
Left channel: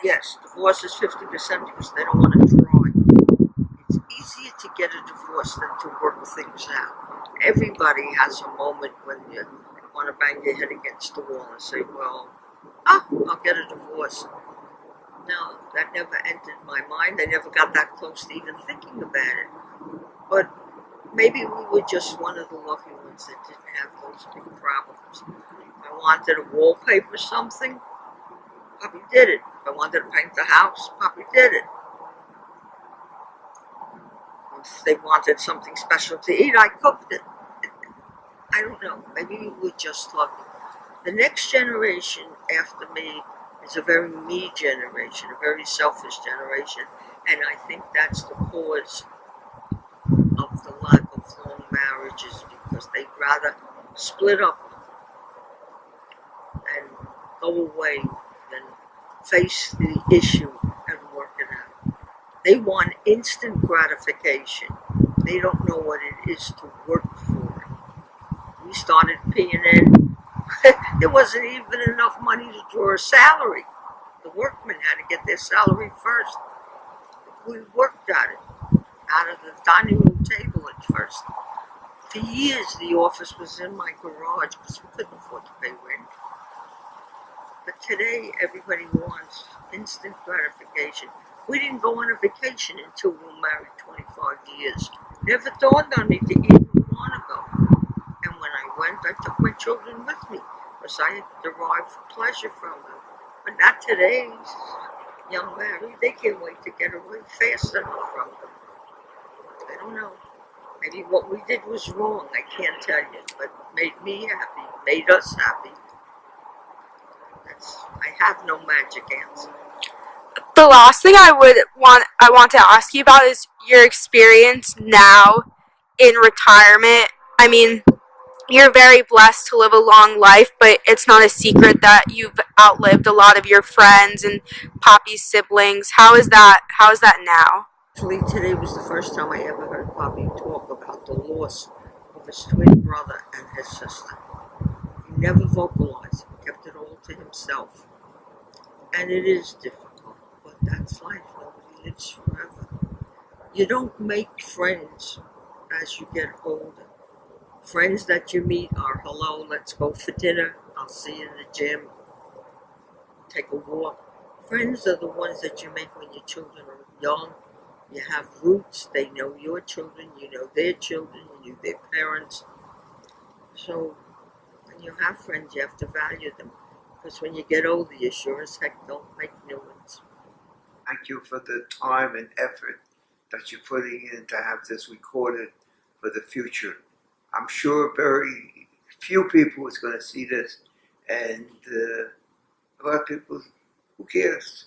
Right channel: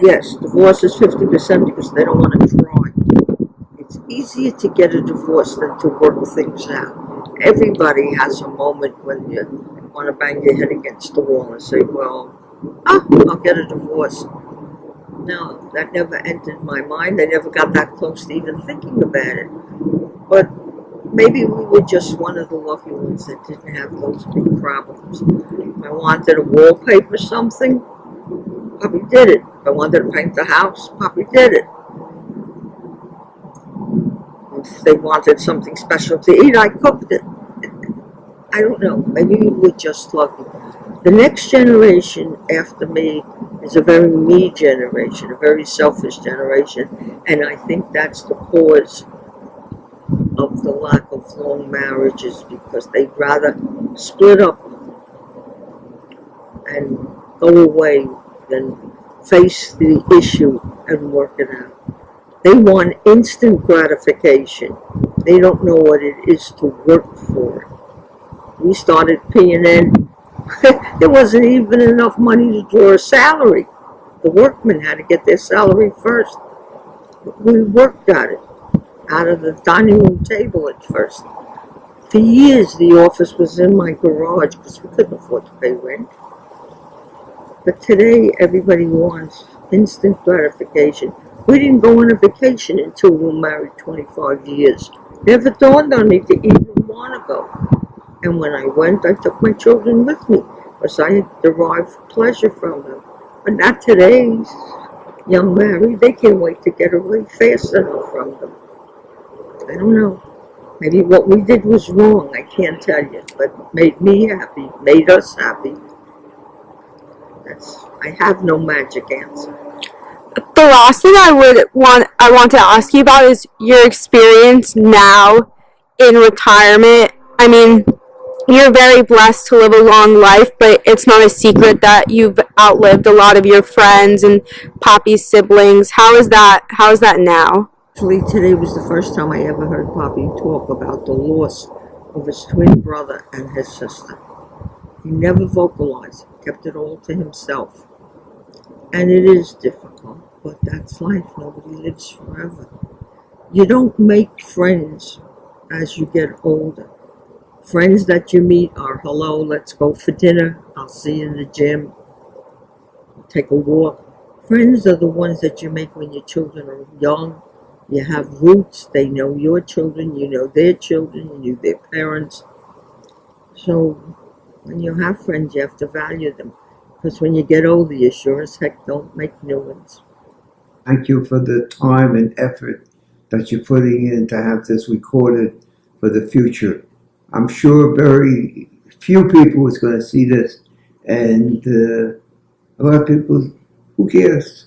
Yes, divorce is 50% because they don't want to try. It's easier to get a divorce than to work things out. Everybody has a moment when you want to bang your head against the wall and say, well, I'll get a divorce. No, that never entered my mind. I never got that close to even thinking about it. But maybe we were just one of the lucky ones that didn't have those big problems. If I wanted to wallpaper something, Poppy did it. If I wanted to paint the house, Poppy did it. If they wanted something special to eat, I cooked it. I don't know. Maybe we were just lucky. The next generation after me is a very me generation, a very selfish generation, and I think that's the cause of the lack of long marriages because they'd rather split up and go away than face the issue and work it out. They want instant gratification. They don't know what it is to work for it. We started P&N. There wasn't even enough money to draw a salary. The workmen had to get their salary first. We worked at it, out of the dining room table at first. For years, the office was in my garage because we couldn't afford to pay rent. But today, everybody wants instant gratification. We didn't go on a vacation until we were married 25 years. Never dawned on me to even want to go. And when I went, I took my children with me because I derived pleasure from them. But not today's young married. They can't wait to get away fast enough from them. I don't know. Maybe what we did was wrong. I can't tell you. But made me happy. Made us happy. I have no magic answer. The last thing I want to ask you about is your experience now in retirement. I mean, you're very blessed to live a long life, but it's not a secret that you've outlived a lot of your friends and Poppy's siblings. How is that now? Actually, today was the first time I ever heard Poppy talk about the loss of his twin brother and his sister. He never vocalized, kept it all to himself. And it is difficult, but that's life. Nobody lives forever. You don't make friends as you get older. Friends that you meet are, hello, let's go for dinner. I'll see you in the gym. Take a walk. Friends are the ones that you make when your children are young. You have roots. They know your children. You know their children. You know their parents. So when you have friends, you have to value them. Because when you get older, you sure as heck don't make new ones. Thank you for the time and effort that you're putting in to have this recorded for the future. I'm sure very few people is going to see this, and a lot of people, who cares?